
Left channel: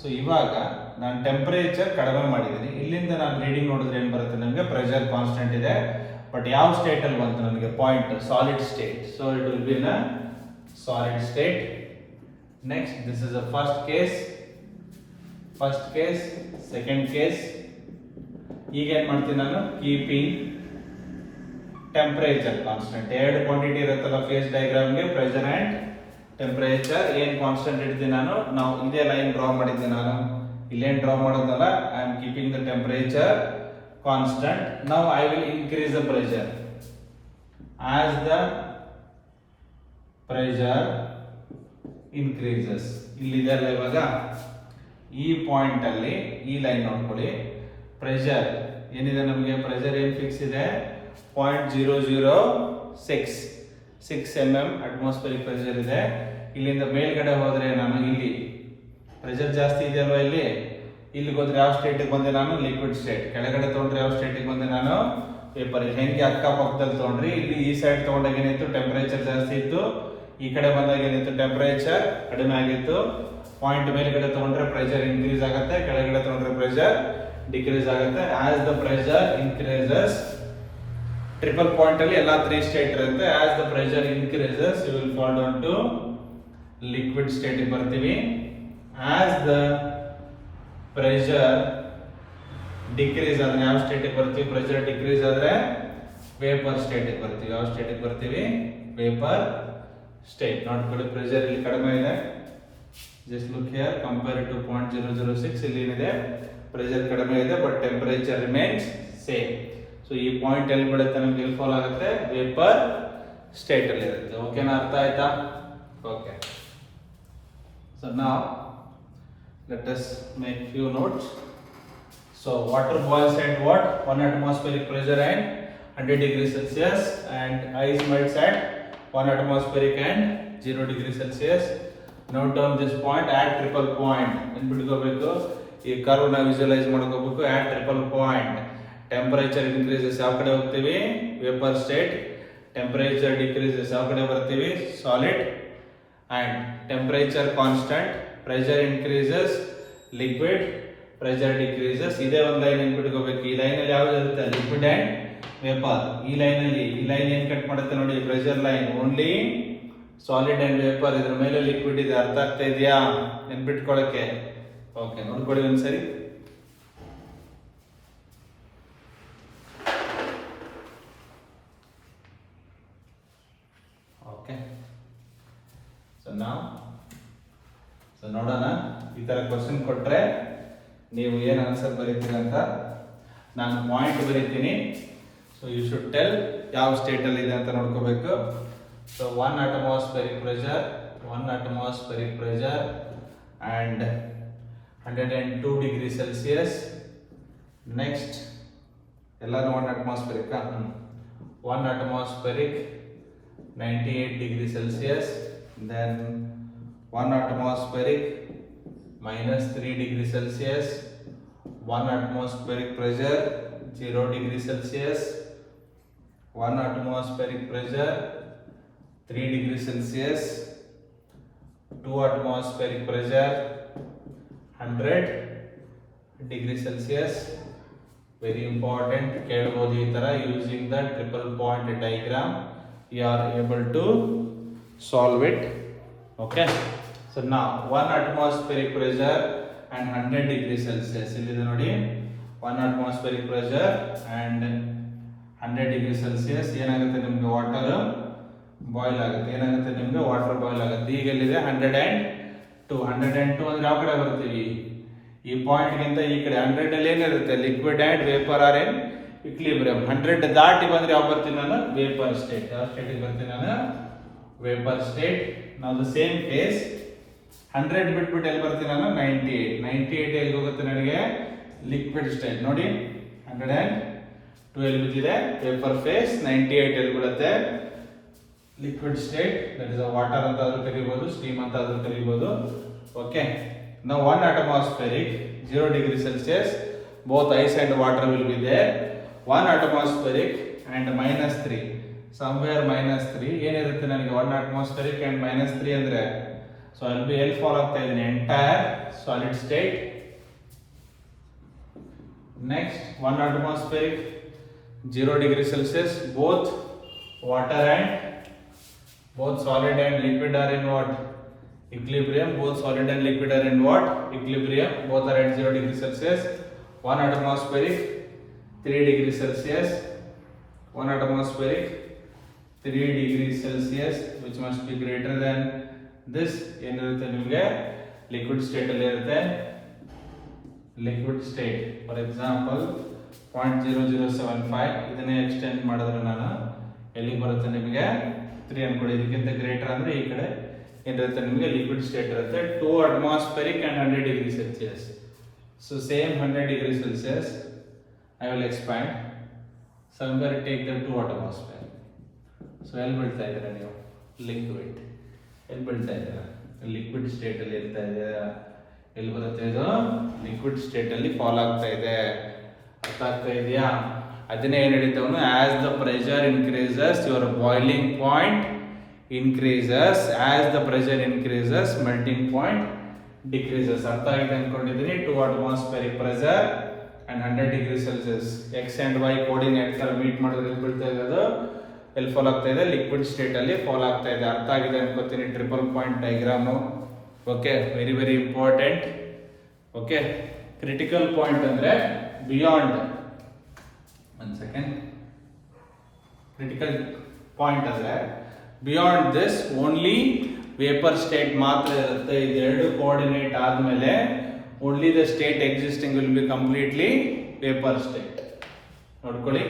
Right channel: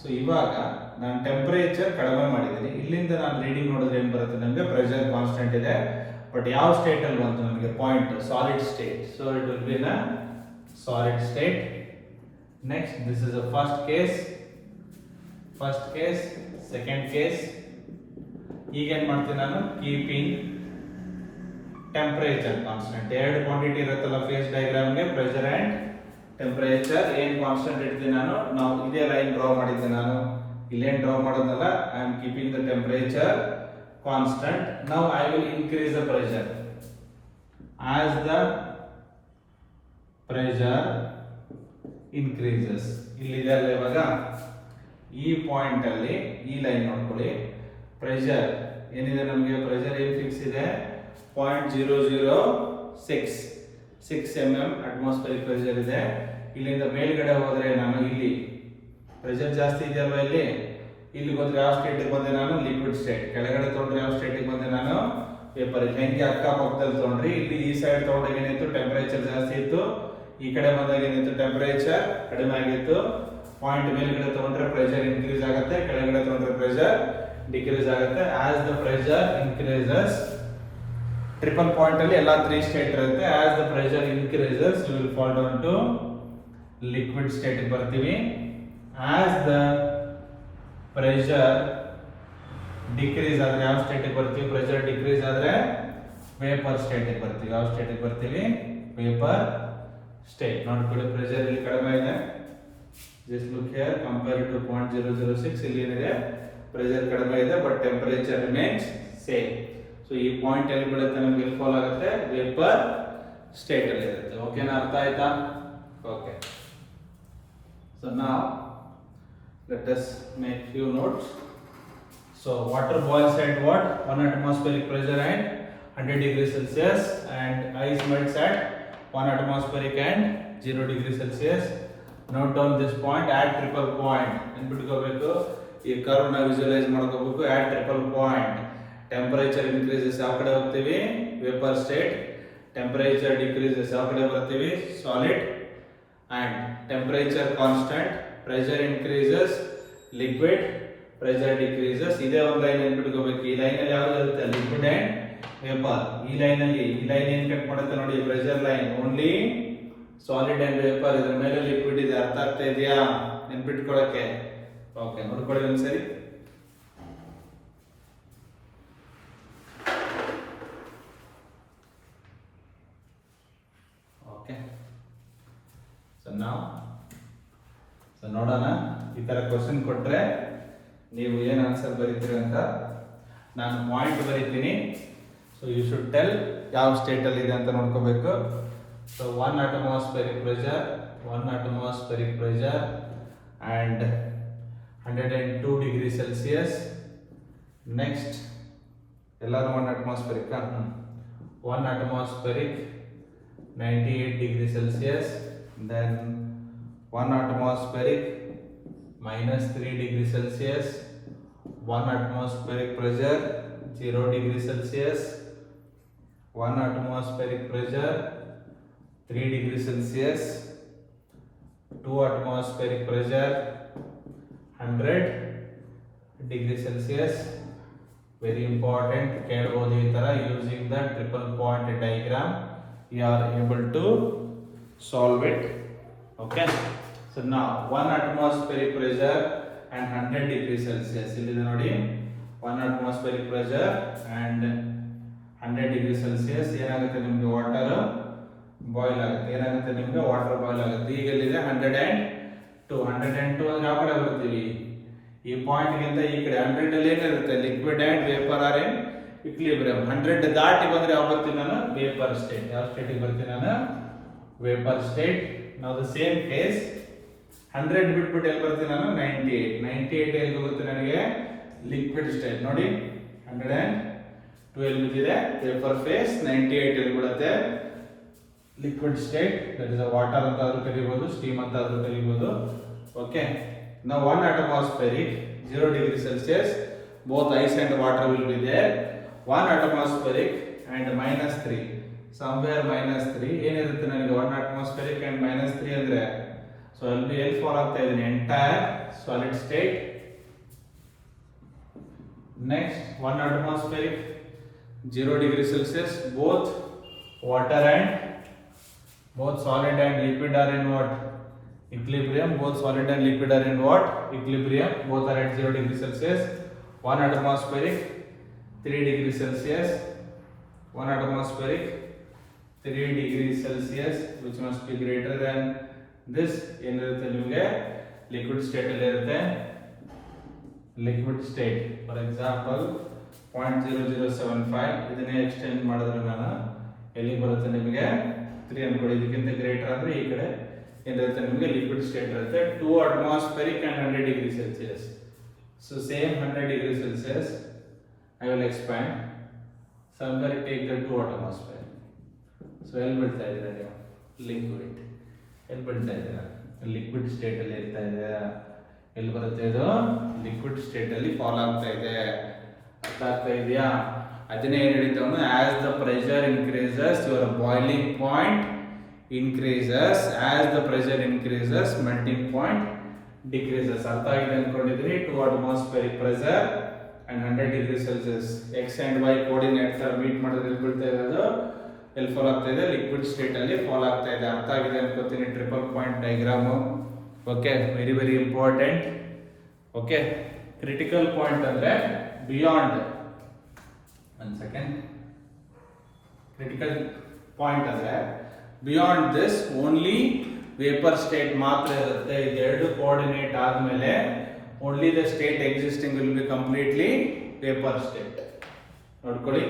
ಸೊ ಇವಾಗ ನಾನು ಟೆಂಪರೇಚರ್ ಕಡಿಮೆ ಮಾಡಿದ್ದೀನಿ. ಇಲ್ಲಿಂದ ನಾನು ರೀಡಿಂಗ್ ನೋಡಿದ್ರೆ ಏನು ಬರುತ್ತೆ ನಮಗೆ? ಪ್ರೆಷರ್ ಕಾನ್ಸ್ಟೆಂಟ್ ಇದೆ, ಬಟ್ ಯಾವ ಸ್ಟೇಟ್ ಅಲ್ಲಿ ಬಂತು ನನಗೆ? Point solid state. So it will be in a solid state. Next this is a first case, second case. ಈಗ ಏನು ಮಾಡ್ತೀನಿ ನಾನು? Keeping temperature constant. ಎರಡು ಕ್ವಾಂಟಿಟಿ ಇರುತ್ತಲ್ಲ ಫೇಸ್ ಡಯಾಗ್ರಾಮ್ಗೆ, ಪ್ರೆಷರ್ ಅಂಡ್ ಟೆಂಪರೇಚರ್. ಏನ್ ಕಾನ್ಸ್ಟೆಂಟ್ ಇಡ್ತೀನಿ ನಾನು? ನಾವು ಇದೇ ಲೈನ್ ಡ್ರಾ ಮಾಡಿದ್ದೆ ನಾನು, ಇಲ್ಲೇನ್ ಡ್ರಾ ಮಾಡೋದಲ್ಲ. I am keeping the temperature constant. Now I will increase the pressure. As the pressure increases, ಇಲ್ಲಿದೆಲ್ಲ ಇವಾಗ ಈ ಪಾಯಿಂಟ್ ಅಲ್ಲಿ ಈ ಲೈನ್ ನೋಡ್ಕೊಳ್ಳಿ. ಪ್ರೆಷರ್ ಏನಿದೆ ನಮಗೆ? ಪ್ರೆಷರ್ ಏನ್ ಫಿಕ್ಸ್ ಇದೆ? 0.006 mm ಅಟ್ಮಾಸ್ಫಿಯರಿಕ್ ಪ್ರೆಷರ್ ಇದೆ. ಇಲ್ಲಿಂದ ಮೇಲ್ಗಡೆ ಹೋದ್ರೆ ನಾನು ಇಲ್ಲಿ ಪ್ರೆಷರ್ ಜಾಸ್ತಿ ಇದೆಯಲ್ವಾ, ಇಲ್ಲಿ ಹೋದ್ರೆ ಯಾವ ಸ್ಟೇಟಿಗೆ ಬಂದೆ ನಾನು? Liquid state. ಕೆಳಗಡೆ ತಗೊಂಡ್ರೆ ಯಾವ ಸ್ಟೇಟಿಗೆ ಬಂದೆ ನಾನು? ಪೇಪರ್. ಹೆಂಗೆ ಅಕ್ಕಪಕ್ಕದಲ್ಲಿ ತಗೊಂಡ್ರಿ? ಇಲ್ಲಿ ಈ ಸೈಡ್ ತಗೊಂಡಾಗ ಏನಿತ್ತು? ಟೆಂಪರೇಚರ್ ಜಾಸ್ತಿ ಇತ್ತು. ಈ ಕಡೆ ಬಂದಾಗ ಏನಿತ್ತು? ಟೆಂಪರೇಚರ್ ಕಡಿಮೆ ಆಗಿತ್ತು. ಪಾಯಿಂಟ್ ಮೇಲ್ಗಡೆ ತಗೊಂಡ್ರೆ ಪ್ರೆಷರ್ ಇನ್ಕ್ರೀಸ್ ಆಗುತ್ತೆ, ಕೆಳಗಡೆ ತಗೊಂಡ್ರೆ ಪ್ರೆಷರ್ ಡಿಕ್ರೀಸ್ ಆಗುತ್ತೆ. As the pressure increases, triple point ಅಲ್ಲಿ ಎಲ್ಲ 3 ಸ್ಟೇಟ್ ಇರುತ್ತೆ. As the pressure increases you will fall down to liquid state ಗೆ ಬರ್ತೀವಿ. ಆಸ್ ದ ಪ್ರೆಷರ್ ಡಿಕ್ರೀಸ್ ಆದ್ರೆ ಯಾವ ಸ್ಟೇಟ್ ಗೆ ಬರ್ತೀವಿ? ಪ್ರೆಷರ್ ಡಿಕ್ರೀಸ್ ಆದ್ರೆ ವೇಪರ್ ಸ್ಟೇಟ್ ಗೆ ಬರ್ತೀವಿ. ಯಾವ ಸ್ಟೇಟ್ ಗೆ ಬರ್ತೀವಿ? Vapour state. ನೋಡ್ಕೊಳ್ಳಿ, ಪ್ರೆಷರ್ ಇಲ್ಲಿ ಕಡಿಮೆ ಇದೆ. Just look here, compare to 0.006. ಇಲ್ಲಿ ಏನಿದೆ? ಪ್ರೆಷರ್ ಕಡಿಮೆ ಇದೆ, but temperature remains same. So ಈ ಪಾಯಿಂಟ್ ಎಲ್ಲಿ ಬೀಳುತ್ತೆ ನಮ್ಗೆ? ಇಲ್ಲಿ ಫಾಲ್ ಆಗುತ್ತೆ, ವೇಪರ್ ಸ್ಟೇಟ್ ಅಲ್ಲಿ ಇರುತ್ತೆ. ಓಕೆನಾ? ಅರ್ಥ ಆಯ್ತಾ? Okay. So now let us make few notes. So water boils at what? 1 atmospheric pressure and 100 degrees Celsius, and ice melts at 1 atmospheric and 0 degrees Celsius. Note down this point at triple point. ನೆನ್ಪಿಟ್ಕೋಬೇಕು, ಈ ಕರ್ವ್ ನ ವಿಜುವಲೈಸ್ ಮಾಡ್ಕೋಬೇಕು. at triple point temperature increases ಯಾವ ಕಡೆ ಹೋಗ್ತೀವಿ? Vapour state. Temperature decreases ಯಾವ ಕಡೆ ಬರ್ತೀವಿ? Solid. And temperature constant, pressure increases liquid, pressure decreases. ಇದೇ ಒಂದು ಲೈನ್ ನೆನ್ಪಿಟ್ಕೋಬೇಕು. ಈ ಲೈನ್ ಅಲ್ಲಿ ಯಾವ್ದು ಇರುತ್ತೆ? Liquid and vapour. ಈ ಲೈನ್ ಏನ್ ಕಟ್ ಮಾಡುತ್ತೆ ನೋಡಿ? Pressure line only solid and vapour. ಇದ್ರ ಮೇಲೆ ಲಿಕ್ವಿಡ್ ಇದೆ. ಅರ್ಥ ಆಗ್ತಾ ಇದೆಯಾ? ನೆನ್ಪಿಟ್ಕೊಳ್ಳಕ್ಕೆ. ಓಕೆ, ನೋಡ್ಕೊಳ್ಳಿ ಒಂದ್ಸರಿ. ಸೊ ನೋಡೋಣ, ಈ ತರ ಕ್ವಶನ್ ಕೊಟ್ರೆ ನೀವು ಏನು ಆನ್ಸರ್ ಬರೀತೀರಿ ಅಂತ. ನಾನು ಪಾಯಿಂಟ್ ಬರೀತೀನಿ. ಸೊ ಯು ಶುಡ್ ಟೆಲ್ ಯಾವ ಸ್ಟೇಟ್ ಅಲ್ಲಿ ಇದೆ ಅಂತ ನೋಡ್ಕೋಬೇಕು. So 1 atmospheric pressure and 102 degrees Celsius. Next ಎಲ್ಲಾನು 1 atmospheric 1 atmospheric 98 degrees Celsius. Then 1 atmospheric minus 3 degrees Celsius. 1 atmospheric pressure 0 degrees Celsius. 1 atmospheric pressure 3 degrees Celsius. 2 atmospheric pressure 100 degrees Celsius. Very important. ಕೇಳಬಹುದು ಈ ತರ using the triple point diagram you are able to solve it. Okay, so now 1 atmospheric pressure and 100 degrees Celsius. ಇಲ್ಲಿದೆ ನೋಡಿ, 1 atmospheric pressure and 100 degrees Celsius. ಏನಾಗುತ್ತೆ ನಿಮಗೆ? Water boil ಆಗುತ್ತೆ. ಏನಾಗುತ್ತೆ ನಿಮಗೆ? ವಾಟರ್ ಬಾಯ್ಲ್ ಆಗುತ್ತೆ. ಈಗ ಇಲ್ಲಿದೆ 102 ಅಂದ್ರೆ ಯಾವ ಕಡೆ ಬರ್ತೀವಿ? ಈ ಪಾಯಿಂಟ್ ಗಿಂತ ಈ ಕಡೆ. 100 ಅಲ್ಲಿ ಏನಿರುತ್ತೆ? Liquid and vapour are in equilibrium. 100 ದಾಟಿ ಬಂದ್ರೆ ಯಾವ ಬರ್ತೀನಿ ನಾನು? Vapour state. ಯಾವ ಸ್ಟೇಟಿಗೆ ಬರ್ತೀನಿ ನಾನು? Vapour state. ನಾವು ದ ಸೇಮ್ ಕೇಸ್ 100 ಬಿಟ್ಬಿಟ್ಟು ಎಲ್ಲಿ ಬರ್ತೀನಿ ನಾನು? 98 ಎಲ್ಲಿ ಹೋಗುತ್ತೆ ನನಗೆ? Liquid state. ನೋಡಿ 102 ಎಲ್ಲಿ ಬಿದ್ದಿದೆ? Vapour phase. 98 ಎಲ್ಲಿ ಬೀಳುತ್ತೆ? Liquid state. That is a water ಅಂತ ಆದ್ರೂ ಕರಿಬಹುದು, ಸ್ಟೀಮ್ ಅಂತ ಆದ್ರೂ ಕರಿಬಹುದು. ಓಕೆ, Now 1 atmospheric, 0 degree Celsius, both ice and water will be there. 1 atmospheric and -3, somewhere -3 ಏನಿರುತ್ತೆ ನನಗೆ 1 atmospheric and -3 ಅಂದ್ರೆ, so I'll be ಎಲ್ಲಿ ಫಾಲೋ ಆಗ್ತಾ ಇದ್ದೀನಿ, entire solid state. Next 1 atmospheric, 0 degree Celsius, both solid and liquid are in what? Equilibrium. Both solid and liquid are in what? Equilibrium. Both are at 0 degree Celsius. 1 atmospheric, 3 degree Celsius. 1 atmospheric, 3 degree Celsius, which must be greater than this. ಏನಿರುತ್ತೆ ನಿಮಗೆ liquid state ಅಲ್ಲಿ ಇರುತ್ತೆ. Liquid state, for example 0.0075, ಇದನ್ನೇ ಎಕ್ಸ್ಟೆಂಡ್ ಮಾಡಿದ್ರೆ ನಾನು ಎಲ್ಲಿ ಬರುತ್ತೆ ನಿಮಗೆ 3 ಅನ್ಕೊಳ್ಳಿ. ಇದಕ್ಕಿಂತ ಗ್ರೇಟರ್ ಅಂದ್ರೆ ಈ ಕಡೆ ಏನಿರುತ್ತೆ ನಿಮಗೆ ಲಿಕ್ವಿಡ್ ಸ್ಟೇಟ್ ಇರುತ್ತೆ. 2 atmospheric and 100 degree Celsius. So same 100 degree Celsius, I will expand. Somewhere take the 2 atmosphere. So ಎಲ್ಲಿ ಬಿಡ್ತಾ ಇದ್ದೀರಾ ನೀವು? ಲಿಕ್ವಿಡ್. ಎಲ್ಲಿ ಬಿಡ್ತಾ ಇದ್ದೀರಾ? ಲಿಕ್ವಿಡ್ ಸ್ಟೇಟ್ ಅಲ್ಲಿ ಇರ್ತಾ ಇದೆ. ಎಲ್ಲಿ ಬರುತ್ತೆ ಇದು? ಲಿಕ್ವಿಡ್ ಸ್ಟೇಟ್ ಅಲ್ಲಿ ಫಾಲ್ ಆಗ್ತಾ ಇದೆ. ಅರ್ಥ ಆಗ್ತಾ ಇದೆಯಾ? ಅದನ್ನೇ ಏನು ಹೇಳಿದ್ದವನು, as the pressure increases your boiling point increases, as the pressure increases melting point decreases. ಅರ್ಥ ಆಗಿದೆ ಅನ್ಕೊಂಡಿದ್ದೀನಿ. 2 atmospheric pressure and 100 degree Celsius, x and y coordinate ತರ ಮೀಟ್ ಮಾಡಿದ್ರೆ ಎಲ್ಲಿ ಬೀಳ್ತಾ ಇರೋದು? ಎಲ್ಲಿ ಫಾಲ್ ಆಗ್ತಾ ಇದೆ? ಲಿಕ್ವಿಡ್ ಸ್ಟೇಟ್ ಅಲ್ಲಿ ಫಾಲ್ ಆಗ್ತಾ ಇದೆ. ಅರ್ಥ ಆಗಿದೆ ಅನ್ಕೋತೀನಿ. Triple point diagram. Okay, very very important. Okay, critical point ಅಂದ್ರೆ beyond, one second, critical point ಅಂದ್ರೆ beyond this only vapour state ಮಾತ್ರ ಇರುತ್ತೆ. ಇದೆರಡು ಕೋಆರ್ಡಿನೇಟ್ ಆದಮೇಲೆ only the state existing will be completely vapour state. ನೋಡ್ಕೊಳ್ಳಿ,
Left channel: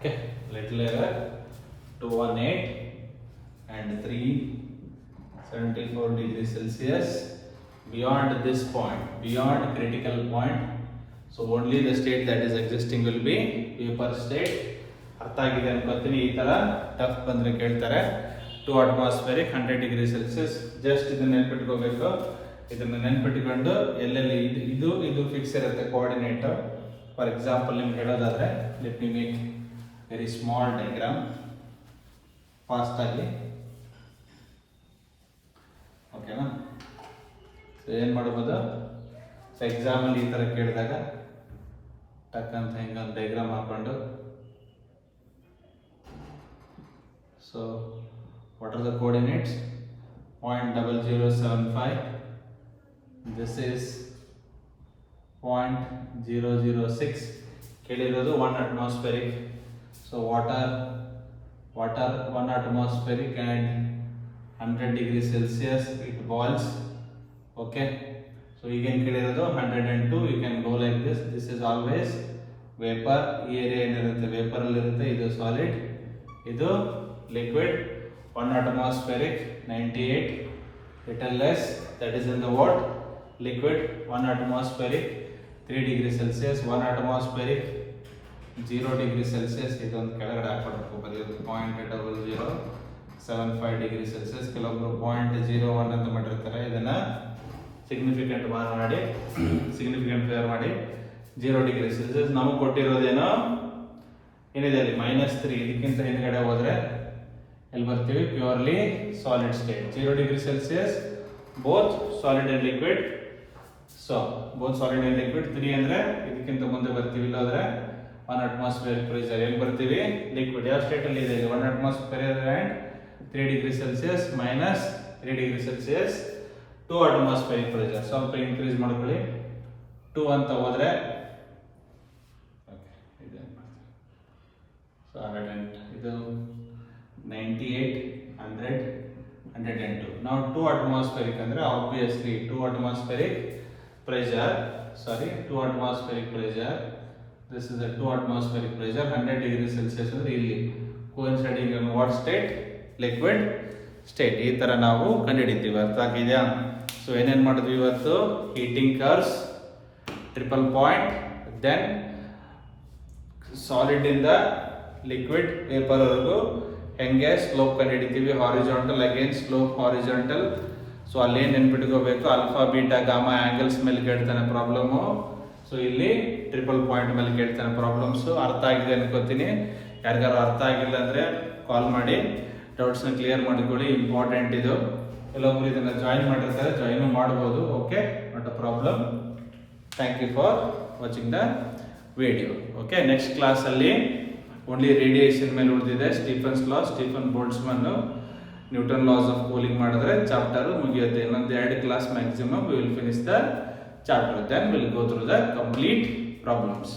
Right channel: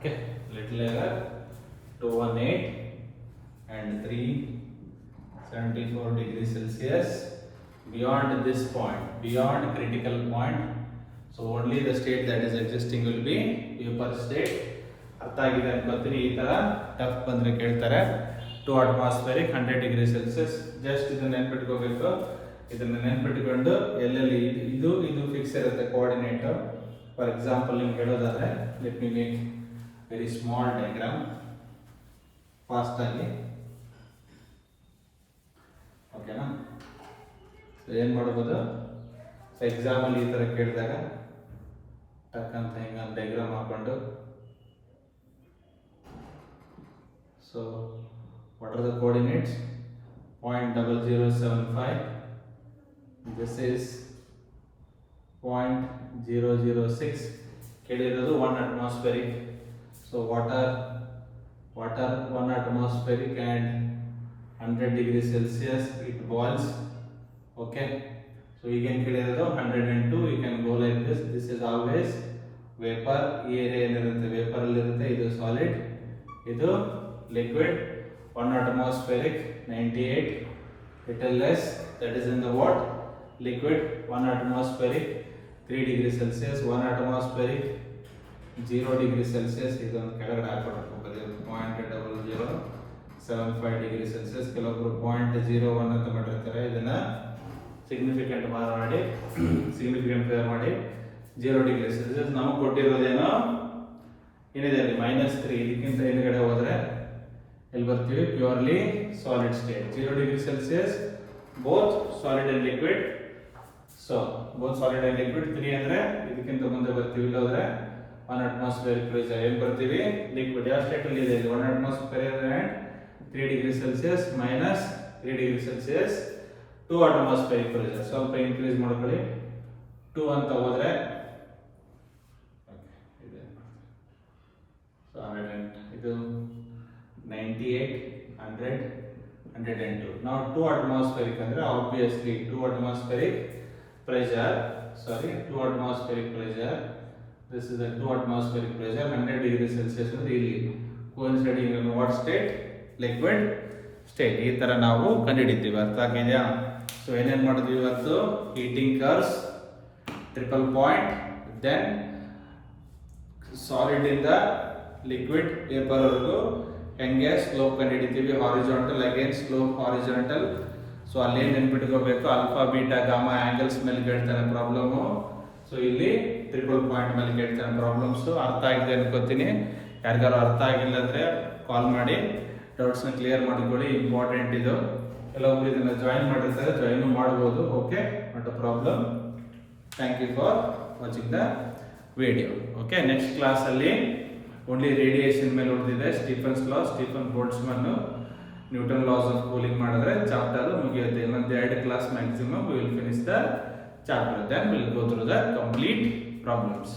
okay, little error, 218 and 374 degrees Celsius. Beyond this point, beyond critical point, so only the state that is existing will be vapor state. ಅರ್ಥ ಆಗಿದೆ ಅನ್ಕೋತೀನಿ. ಈ ತರ ಟಫ್ ಬಂದ್ರೆ ಕೇಳ್ತಾರೆ. 2 atmospheric, 100 degree Celsius. Just ಇದನ್ನ ನೆನ್ಪಿಟ್ಕೋಬೇಕು. ಇದನ್ನ ನೆನ್ಪಿಟ್ಕೊಂಡು ಎಲ್ಲೆಲ್ಲಿ ಇದು ಫಿಕ್ಸ್ ಇರುತ್ತೆ ಕೋಆರ್ಡಿನೇಟ್. ಫಾರ್ ಎಕ್ಸಾಂಪಲ್ ನಿಮ್ಗೆ ಹೇಳೋದಾದ್ರೆ, let me make very small diagram fast ಆಗಿ. ಓಕೆನಾ? ಸೊ ಏನು ಮಾಡ್ಬೋದು, ಸೊ ಎಕ್ಸಾಮಲ್ಲಿ ಈ ಥರ ಕೇಳಿದಾಗ ಟಕ್ ಅಂತ ಹಿಂಗೊಂದು ಡಯಾಗ್ರಾಮ್ ಹಾಕೊಂಡು, so what are the coordinates? 0.0075, this is 0.006, ಕೇಳಿರೋದು 1 atmospheric. So water 1 atmospheric and 100 degree Celsius it boils. Okay, so you can ಕೇಳಿರೋದು 102. You can go like this. This is always vapor. ಈ ಏರಿಯಾ ಏನಿರುತ್ತೆ ವೇಪರ್ ಅಲ್ಲಿ ಇರುತ್ತೆ. ಇದು ಸಾಲಿಡ್, ಇದು ಲಿಕ್ವಿಡ್. 1 atmospheric 98, little less, that is in the what? Liquid. 1 atmospheric 3 degree Celsius. 1 atmospheric 0 degree Celsius. ಇದೊಂದು ಕೆಳಗಡೆ ಹಾಕ್ಬಿಡ್ಬೇಕು, ಬರೆಯೋದು 0.0075 degree Celsius. ಕೆಲವೊಬ್ರು 0.01 ಅಂತ ಮಾಡಿರ್ತಾರೆ. ಇದನ್ನ ಸಿಗ್ನಿಫಿಕೆಂಟ್ ಮಾಡಿ, ಸಿಗ್ನಿಫಿಕೆಂಟ್ ಫೇರ್ ಮಾಡಿ 0 degree Celsius. ನಮಗೆ ಕೊಟ್ಟಿರೋದೇನೋ ಏನಿದೆ ಅಲ್ಲಿ -3. ಇದಕ್ಕಿಂತ ಹಿಂದ್ಗಡೆ ಹೋದ್ರೆ ಎಲ್ಲಿ ಬರ್ತೀವಿ? Purely solid state. 0 degree Celsius, both solid and liquid. So both solid and liquid. 3 ಅಂದ್ರೆ ಇದಕ್ಕಿಂತ ಮುಂದೆ ಬರ್ತೀವಿ. ಇಲ್ಲೋದ್ರೆ 1 atmospheric pressure ಎಲ್ಲಿ ಬರ್ತೀವಿ? ಲಿಕ್ವಿಡ್. ಯಾವ ಸ್ಟೇಟ್ ಅಲ್ಲಿ ಇದೆ? 1 atmospheric and 3 degree Celsius minus 3 degree Celsius 2 atmospheric pressure. ಸ್ವಲ್ಪ ಇನ್ಕ್ರೀಸ್ ಮಾಡ್ಕೊಳ್ಳಿ. 2 ಅಂತ ಹೋದ್ರೆ ಸೊ 100 ಇದು 98, 100, 102. Now 2 atmospheric ಅಂದ್ರೆ obviously 2 atmospheric pressure. This is the 2 atmospheric pressure. 100 degree Celsius ಅಂದ್ರೆ ಇಲ್ಲಿ coinciding in what state? Liquid. State ಈ ಥರ ನಾವು ಕಂಡುಹಿಡಿತೀವಿ. ಅರ್ಥ ಆಗಿದೆಯಾ? ಸೊ ಏನೇನು ಮಾಡಿದ್ವಿ ಇವತ್ತು? Heating curves, triple point, then ಸಾಲಿಡಿಂದ ಲಿಕ್ವಿಡ್ ವೇಪರ್ವರೆಗೂ ಹೆಂಗೆ ಸ್ಲೋಪ್ ಕಂಡುಹಿಡಿತೀವಿ, horizontal again slope horizontal. So ಅಲ್ಲೇನು ನೆನ್ಪಿಟ್ಕೋಬೇಕು, ಆಲ್ಫಾ ಬೀಟಾ ಗಾಮಾ ಆ್ಯಂಗಲ್ಸ್ ಮೇಲೆ ಕೇಳ್ತಾನೆ ಪ್ರಾಬ್ಲಮ್ಮು. ಸೊ ಇಲ್ಲಿ ಟ್ರಿಪಲ್ ಪಾಯಿಂಟ್ ಮೇಲೆ ಕೇಳ್ತಾನೆ ಪ್ರಾಬ್ಲಮ್ಸು. ಅರ್ಥ ಆಗಿದೆ ಅನ್ಕೋತೀನಿ. ಯಾರಿಗಾರು ಅರ್ಥ ಆಗಿಲ್ಲ ಅಂದರೆ ಕಾಲ್ ಮಾಡಿ ಡೌಟ್ಸ್ನ ಕ್ಲಿಯರ್ ಮಾಡಿಕೊಳ್ಳಿ, ಇಂಪಾರ್ಟೆಂಟ್ ಇದು. ಕೆಲವೊಬ್ರು ಇದನ್ನು ಜಾಯಿನ್ ಮಾಡಿರ್ತಾರೆ, ಜಾಯಿನ್ ಮಾಡ್ಬೋದು. Okay, not a problem. Thank you for watching the video. Okay, next ಕ್ಲಾಸಲ್ಲಿ ಓನ್ಲಿ ರೇಡಿಯೇಷನ್ ಮೇಲೆ ಉಳಿದಿದೆ. Stephen's law, Stephen Boltzmann, Newton laws of cooling ಮಾಡಿದ್ರೆ ಚಾಪ್ಟರ್ ಮುಗಿಯುತ್ತೆ. ಇನ್ನೊಂದು 2 class maximum we will finish the chapter, then will go through the complete problems.